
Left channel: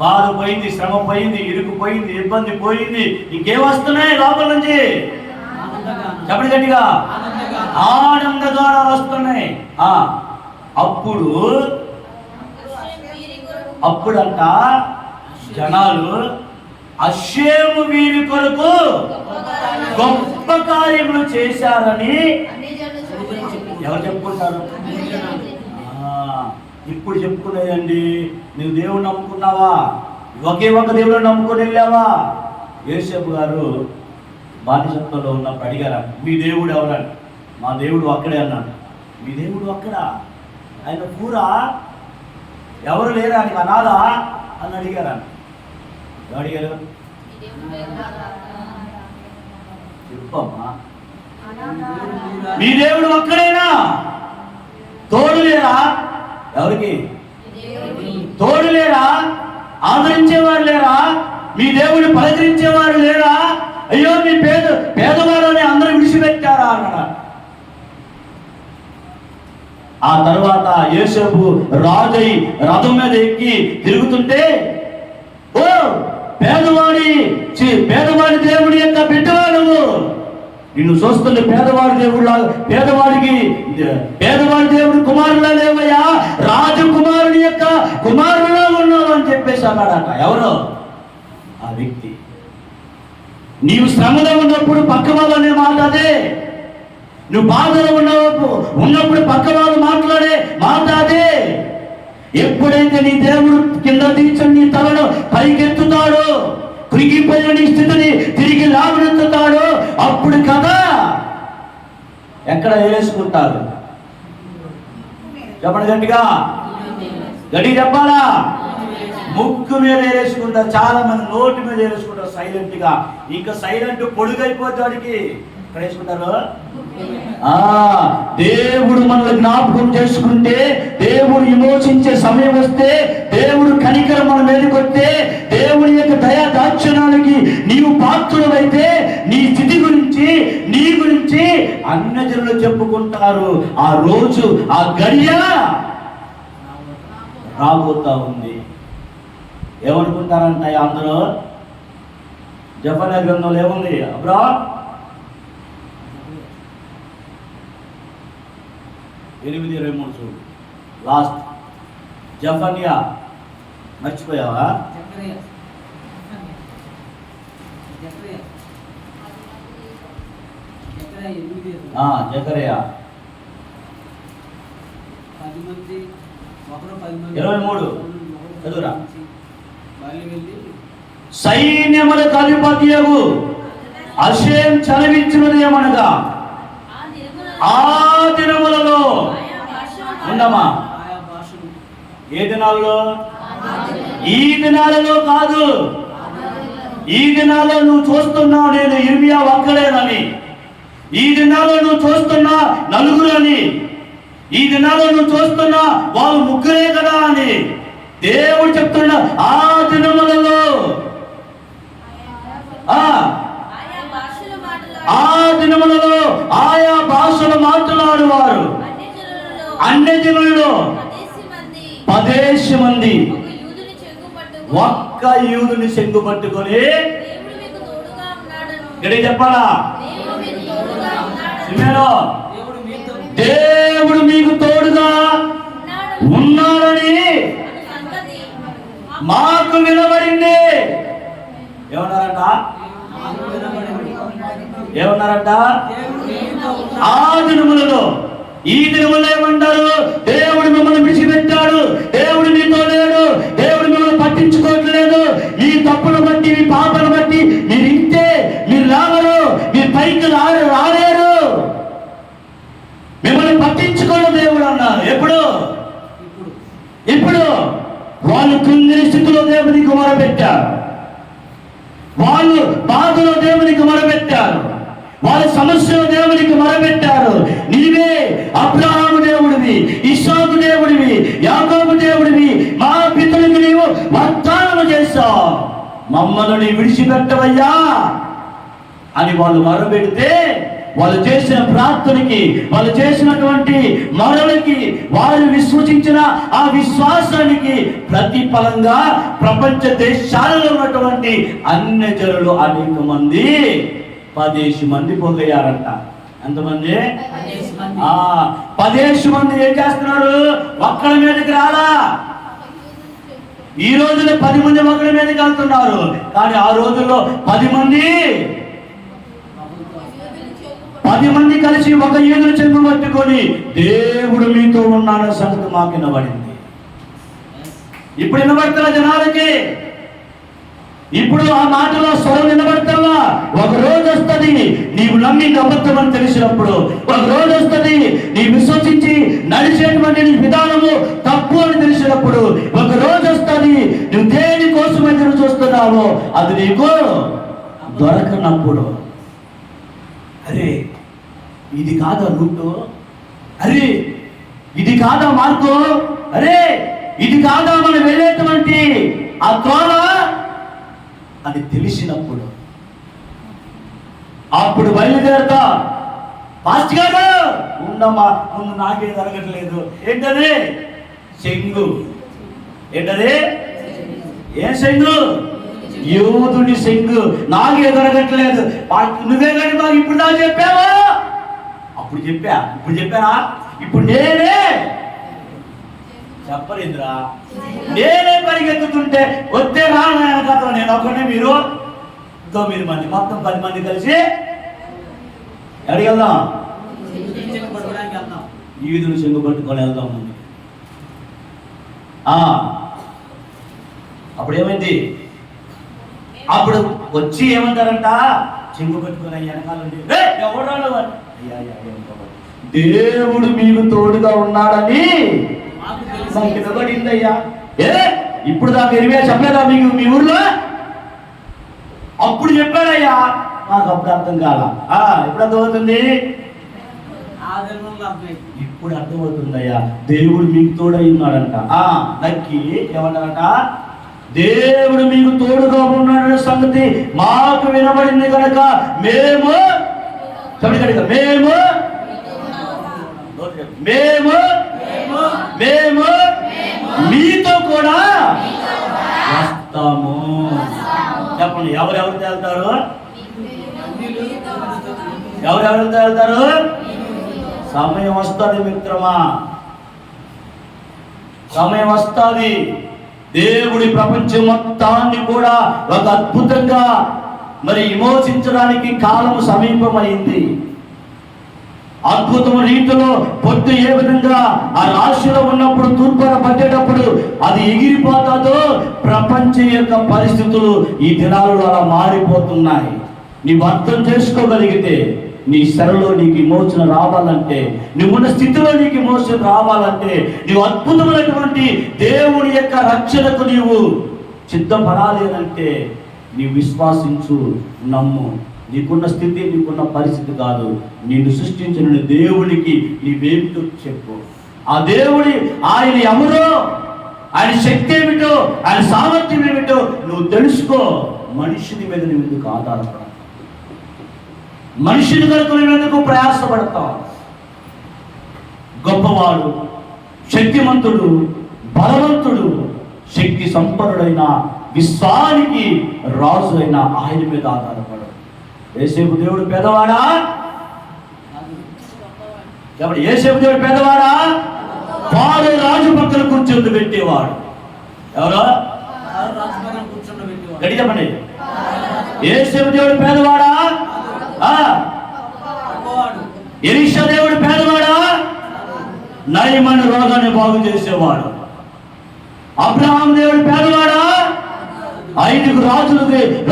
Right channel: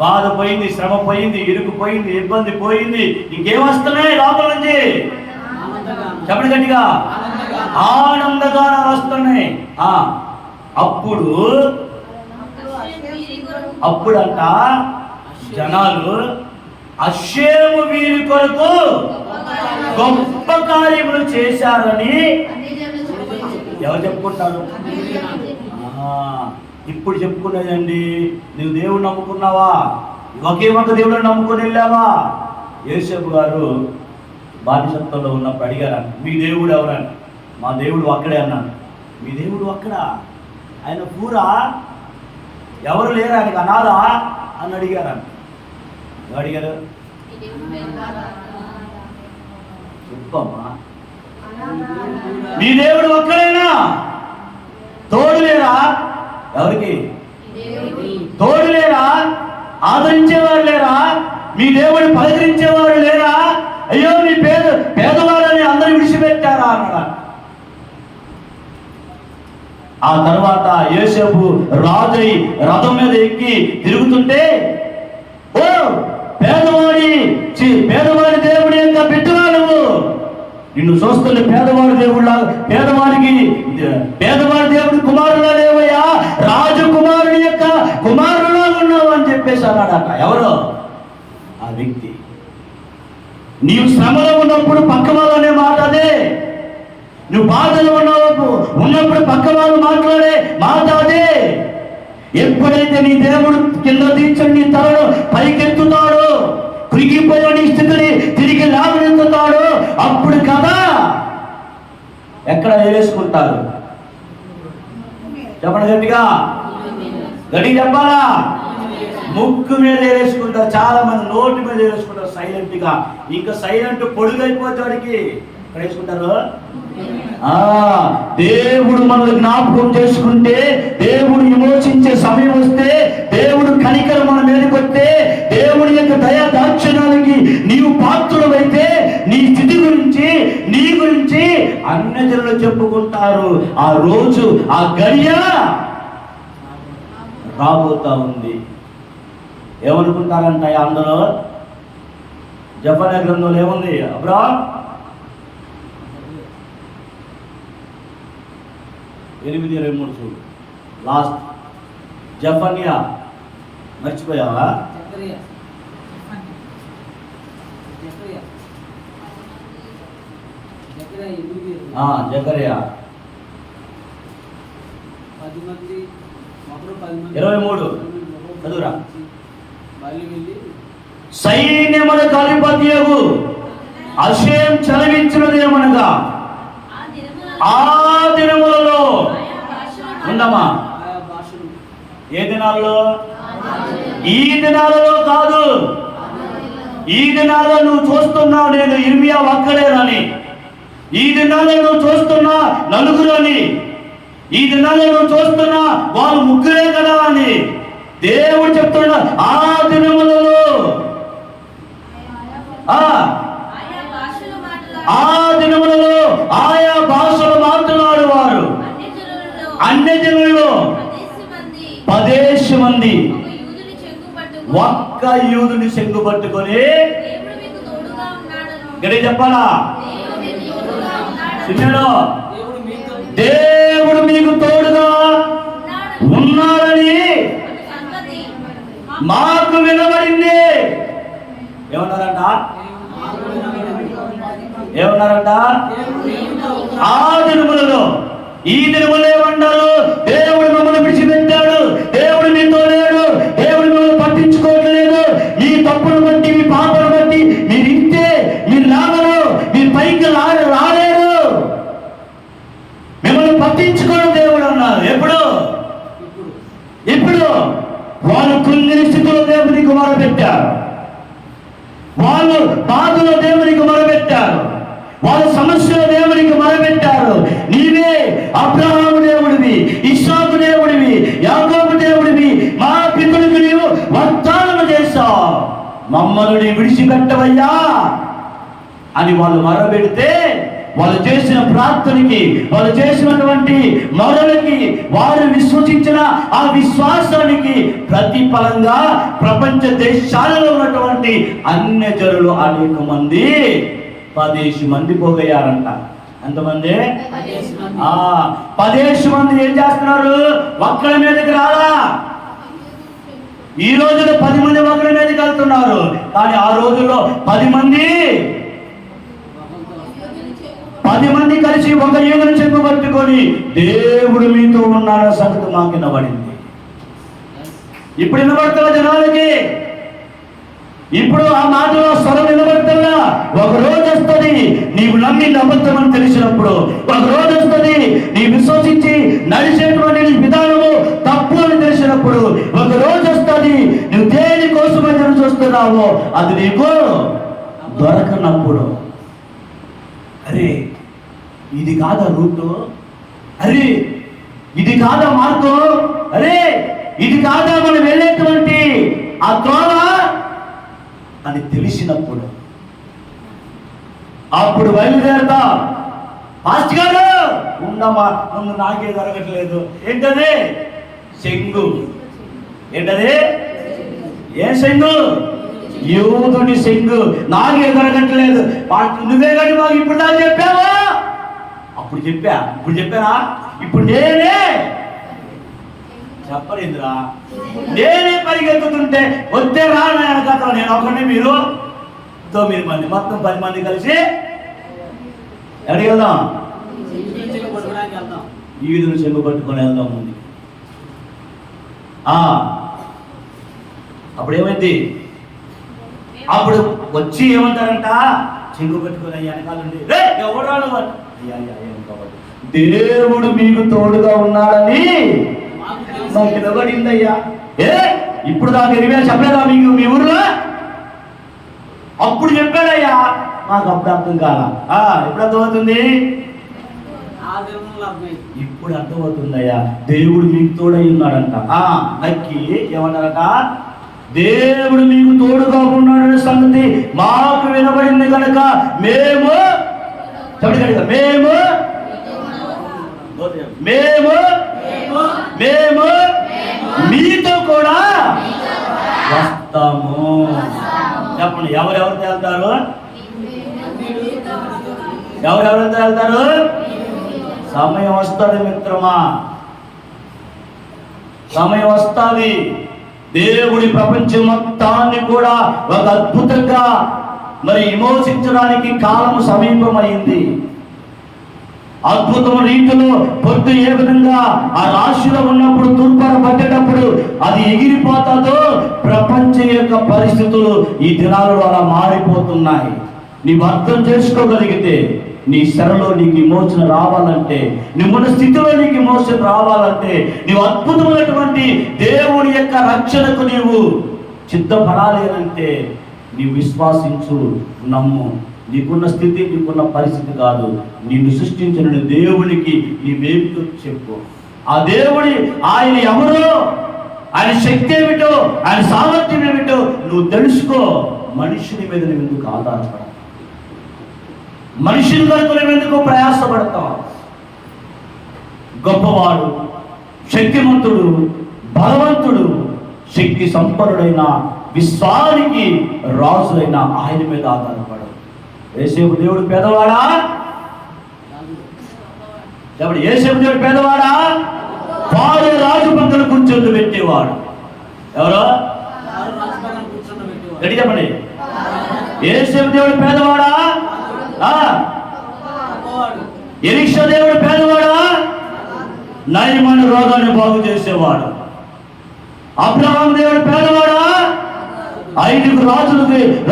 బాధ పోయింది, శ్రమ పోయింది, ఇరుకు పోయింది, ఇబ్బంది పోయింది. ఇంకేం వస్తున్నాయి లోపల నుంచి? చెప్పండి గట్టిగా. ఆనందగానాలు వస్తున్నాయి. అప్పుడంట జనాలు అషేము వీరి కొరకు గొప్ప కార్యములు చేశారని ఎవరు చెప్పుకుంటారు? ఇప్పుడు చెప్పుకునేదండి. నువ్వు దేవుడు నమ్ముకున్నావా? ఒకే ఒక దేవుడు నమ్ముకొని వెళ్ళావా? యోసేపు గారు బానిసత్వంలో ఉన్నప్పుడు అడిగారు, మీ దేవుడు ఎవరని. మా దేవుడు అక్కడే అన్నాడు. మీ దేవుడు అక్కడ? ఆయన పూరా ఎవరు లేరు, ఆయనకు అనాథ అని అడిగారు. అడిగారు చెప్పమ్మా, మీ దేవుడు ఒక్కడేనా? తోడు లేరా? ఎవరికి తోడు లేరా? ఆదరించేవారు లేరా? మీ దేవుడు పలకరించేవారు లేరా? అయ్యో మీ పేదవాళ్ళని అందరూ విడిచిపెట్టారా అన్నాడు. ఆ తర్వాత యోసేపు రాజై రథం మీద ఎక్కి తిరుగుతుంటే, ఓ పేదవాడి దేవుడి యొక్క బిడ్డవాడు, నిన్ను చూస్తుంటే పేదవాడి దేవుళ్ళ, పేదవాడి దేవుడి కుమారులా లేవయ్యా, రాజకుమారుడి యొక్క కుమారులా ఉన్నావు అని చెప్పేసి అన్నాడట. ఎవరు ఆ వ్యక్తి? నీవు శ్రమలో ఉన్నప్పుడు పక్క వాళ్ళనే మాట్లాడే, నువ్వు బాధలో ఉన్నప్పుడు పక్క వాళ్ళు మాట్లాడే మాట్లాడే. ఎప్పుడైతే నీ దేవుడు కింద దించని నీ తలను పైకెత్తుతాడో, కృంగిపోయిన నీ స్థితిని తిరిగి లాభెత్తుతాడో, అప్పుడు కదా ఎక్కడ వేసుకుంటారు? చెప్పండి గట్టిగా, గట్టిగా చెప్పాలా? ముక్కు మీద వేసుకుంటారు. చాలా మంది నోటి మీద వేసుకుంటారు సైలెంట్ గా. ఇంకా సైలెంట్ పొడుగైపోతాడికి ఎక్కడ వేసుకుంటారు? దేవుడు మనల్ని జ్ఞాపకం చేసుకుంటే, దేవుడు విమోచించే సమయం వస్తే, దేవుడు కనికరం మన మీదకి వస్తే, దేవుడి యొక్క దయా దాక్షిణ్యానికి నీవు పాత్రుడమైతే, నీ స్థితి గురించి, నీ గురించి అన్యజనులు చెప్పుకుంటారు. ఆ రోజు, ఆ గడియ రాబోతా ఉంది. ఏమనుకుంటారంట అందులో? జెఫన్యా గ్రంథంలో ఏముంది? అబ్రా 8:23 చూడు, లాస్ట్. జెఫన్యా మర్చిపోయావా? జకర్యా 23 చదువురా. సైన్యములకు అధిపతియగు అషేం చలవించినదేమనగా, ఆ దినములలో ఉన్నామా? ఏ దినాలలో? ఈ దినాలలో కాదు. ఈ దినాల్లో నువ్వు చూస్తున్నావు నేను ఇర్మియా ఒక్కడేనని, ఈ దినాల్లో నువ్వు చూస్తున్నా నలుగురు అని, ఈ దినాల్లో నువ్వు చూస్తున్నా వాళ్ళు ముగ్గురే కదా అని దేవుడు చెప్తున్నా. ఆ దినములలో ఆయా భాషలు మాట్లాడువారు అన్యజనులలో 10 మంది ఒక్క యూదుని చెంగు పట్టుకొని గడి చెప్పాలా? దేవుడు మీకు తోడుగా ఉన్నాడని మాకు వినబడింది. ఏమన్నారంట? ఆ దినములలో, ఈ దినములో ఏమంటారు? దేవుడు మిమ్మల్ని విడిచిపెట్టాడు, దేవుడు మీతో లేడు, దేవుడు మిమ్మల్ని పట్టించుకోవట్లేదు, మీ తప్పును బట్టి, మీ పాపను బట్టి మీరు ఇంతే, మీరు లాభరు, బాధలో దేవునికి మొరపెట్టారు, వాళ్ళ సమస్యలో దేవునికి మొరపెట్టారు. నీవే అబ్రహాము దేవుడివి, ఇస్సాకు దేవుడివి, యాకోబు దేవుడివి, మా పితరులకు నీవు వాగ్దానం చేశావు, మమ్మల్ని విడిచిపెట్టవయ్యా అని వాళ్ళు మొరపెడితే, వాళ్ళు చేసిన ప్రార్థనకి, వాళ్ళు చేసినటువంటి మొరలకి, వారు విశ్వసించిన ఆ విశ్వాసానికి ప్రతిఫలంగా ప్రపంచ దేశాలలో ఉన్నటువంటి అన్యజనులు అనేక మంది 10 మంది పోగయ్యారంట. ఎంతమంది? 10 మంది ఏం చేస్తున్నారు? ఒక్కడి మీదకి రాలా. ఈ రోజుల్లో 10 మంది ఒకరి మీదకి వెళ్తున్నారు, కానీ ఆ రోజుల్లో 10 మంది కలిసి ఒక ఏనుగును చెంగు పట్టుకొని దేవుడు మీతో ఉన్నాడో సంగతి మాకు వినబడింది. ఇప్పుడు వినబడుతున్న జనాలకి, ఇప్పుడు ఆ మాటలో స్వరం వినబడుతున్నా. ఒక రోజు వస్తుంది నీవు నమ్మి అబద్ధం అని తెలిసినప్పుడు, ఒక రోజు వస్తుంది నీ విశ్వసించి నడిచేటువంటి విధానము తప్పు అని తెలిసినప్పుడు, ఒక రోజు వస్తుంది నువ్వు దేని కోసం ఎదురు చూస్తున్నావో అది నీకు దొరకనప్పుడు, అరే ఇది కాదా రూటు, అరే ఇది కాదా మార్కు, అరే ఇది కాదా మనం వెళ్ళేటువంటి ఆ త్రోవ అని తెలిసినప్పుడు, అప్పుడు బయలుదేరతా. పాస్టర్ గారు ఉండమ్మా, నాకే జరగట్లేదు. ఏంటది? శంగు. ఏంటది? ఏ శంగు? యూదుని శంగు. నాకే దొరకట్లేదు. నువ్వే కానీ మాకు ఇప్పుడు నాకు చెప్పావా? అప్పుడు చెప్పానా? ఇప్పుడు నేనే చెప్పలేదురా, నేనే పరిగెత్తుతుంటే వస్తే రానా కథలో నేను ఒకటి, మీరు 9 మంది, మొత్తం 10 మంది కలిసి ఎక్కడికి వెళ్దాం? ఈదును చెంగు పట్టుకొని వెళ్దాం ముందు. అప్పుడు ఏమైంది? అప్పుడు వచ్చి ఏమంటారంట, చెంగు పట్టుకొని వెనకాలండి, ఎవరు దేవుడు మీకు తోడుగా ఉన్నాడని మాకు వినబడిందయ్యా. ఇప్పుడు దాకా ఎరివే చెప్పలేదా మీకు మీ ఊర్లో? అప్పుడు చెప్పాడయ్యా, మాకు అప్పుడు అర్థం కాల. ఎప్పుడు అర్థమవుతుంది? ఇప్పుడు అర్థమవుతుందయ్యా, దేవుడు మీకు తోడై ఉన్నాడంట. నక్కి ఏమంటారట, దేవుడు మీకు తోడుగా ఉన్నాడనే సంగతి మాకు వినబడింది కనుక మేము మీతో కూడా వస్తాము. చెప్పండి, ఎవరెవరితో వెళ్తారు? ఎవరెవరితో వెళ్తారు? సమయం వస్తుంది మిత్రమా, సమయం వస్తుంది. దేవుడి ప్రపంచం మొత్తాన్ని కూడా ఒక అద్భుతంగా విమోచించడానికి కాలము సమీపమైంది. అద్భుతం రీతిలో పొద్దు ఏ విధంగా ఆ రాశిలో ఉన్నప్పుడు తూర్పున పట్టేటప్పుడు అది ఎగిరిపోతుందో, ప్రపంచం యొక్క పరిస్థితులు ఈ దినాలలో అలా మారిపోతున్నాయి. నీవు అర్థం చేసుకోగలిగితే, నీ శరలో నీకు విమోచన రావాలంటే, నువ్వున్న స్థితిలో నీకు విమోచన రావాలంటే, నీవు అద్భుతమైనటువంటి దేవుని యొక్క రక్షణకు నీవు సిద్ధపడాలేనంటే నీవు విశ్వాసించు, నమ్ము. నీకున్న స్థితి, నీకున్న పరిస్థితి కాదు, నిన్ను సృష్టించిన దేవునికి నీవేమిటో చెప్పు. ఆ దేవుడి ఆయన ఎవరో, ఆయన శక్తి ఏమిటో, ఆయన సామర్థ్యం ఏమిటో నువ్వు తెలుసుకో. మనుషుని మీద నువ్వు ఎందుకు ఆధారపడతావు? మనుషుని కొరకు నువ్వు ఎందుకు ప్రయాసపడతావు? గొప్పవాడు, శక్తిమంతుడు, బలవంతుడు, శక్తి సంపన్నుడైన, విశ్వానికి రాజు అయిన ఆయన మీద ఆధారపడు. యేసేపు దేవుడు పేదవాడా? చెప్పండి, యేసేపు దేవుడు పేదవాడా? వాడు రాజు పక్కన కూర్చొని పెట్టేవాడు. ఎవరో గట్టి చెప్పండి. యేసేపు దేవుడు పేదవాడా? ఎలీషా దేవుడు పేదవాడా? నయమైన రోగాన్ని బాగు చేసేవాడు. అబ్రహాం దేవుడు పేదవాడా? 5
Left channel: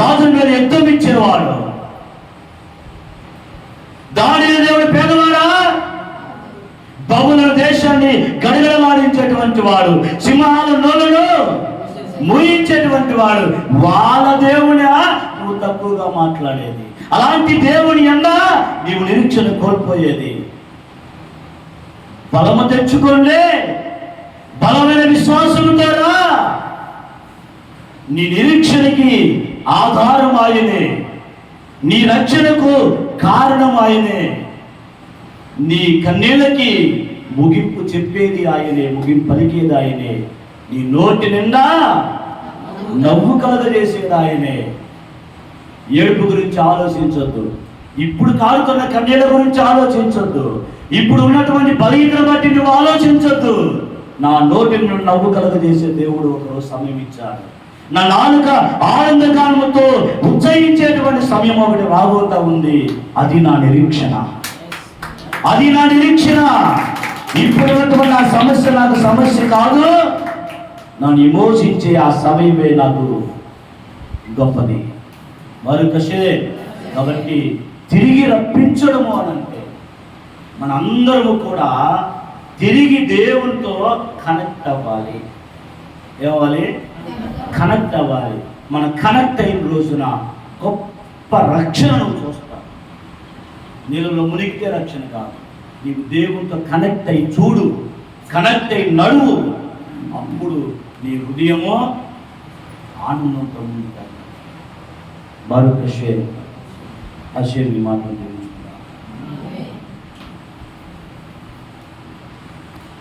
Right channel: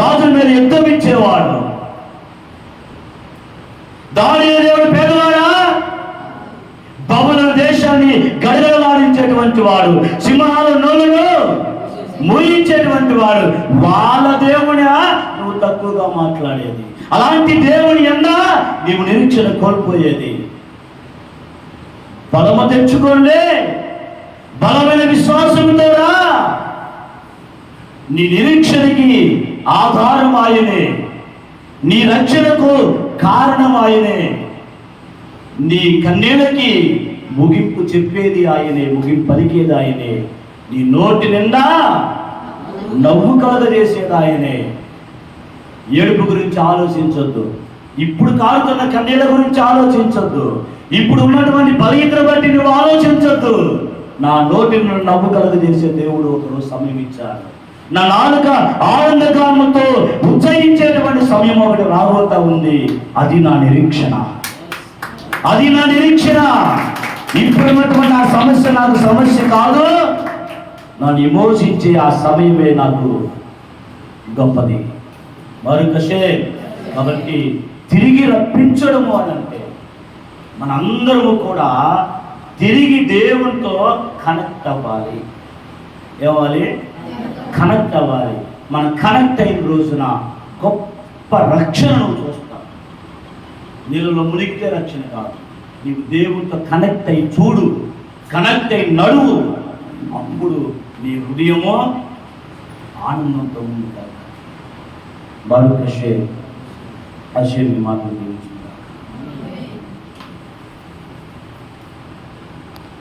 రాజుల మీద యుద్ధం ఇచ్చేవాడు. దానియేలు దేవుడు పేదవాడా? బబులోను దేశాన్ని గడగడలాడించేటువంటి వాడు, సింహాల నోలును మూయించేటువంటి వాడు. వాళ్ళ దేవుడా? నువ్వు తక్కువగా మాట్లాడేది. అలాంటి దేవుని యందు నీవు నిరీక్షణ కోల్పోయేది. బలము తెచ్చుకోండి, బలమైన విశ్వాసంతో రా. నీ నిరీక్షణకి ఆధారం ఆయనే, నీ రక్షణకు కారణం ఆయనే, నీ కన్నీళ్ళకి ముగింపు చెప్పేది ఆయనే, ముగింపు పలికేది ఆయనే, నీ నోటి నిండా నవ్వు కలగజేసేది ఆయనే. ఏడుపు గురించి ఆలోచించొద్దు, ఇప్పుడు కారుతున్న కన్నీళ్ళ గురించి ఆలోచించొద్దు, ఇప్పుడు ఉన్నటువంటి బలహీనతను బట్టి నువ్వు ఆలోచించొద్దు. నా నోటి నుండి నవ్వు కలగజేసే దేవుడు ఒకరోజు సమయం ఇచ్చాడు. నా నాలుక ఆనందగానముతో ఉచ్చరించేటువంటి సమయం ఒకటి రాబోతా ఉంది. అది నా నిరీక్షణ, అది నా నిరీక్షణ. ఇప్పుడు ఉన్నటువంటి ఆ సమస్య నాకు సమస్య కాదు, నన్ను విమోచించే ఆ సమయమే నాకు గొప్పది. మరొకసే కాబట్టి తిరిగి రప్పించడము అని అంటే మనందరము కూడా తిరిగి దేవునితో కనెక్ట్ అవ్వాలి. ఏమవ్వాలి? కనెక్ట్ అవ్వాలి. మనం కనెక్ట్ అయిన రోజున గొప్ప రక్షణను చూస్తాం. నీళ్ళలో మునిగితే రక్షణ కాదు, నీవు దేవునితో కనెక్ట్ అయి చూడు, కనెక్ట్ అయి నడువు. అప్పుడు నీ హృదయమో ఆనందంతో ఉంది. బారుక్ అషే మాట్లాడుతుంది.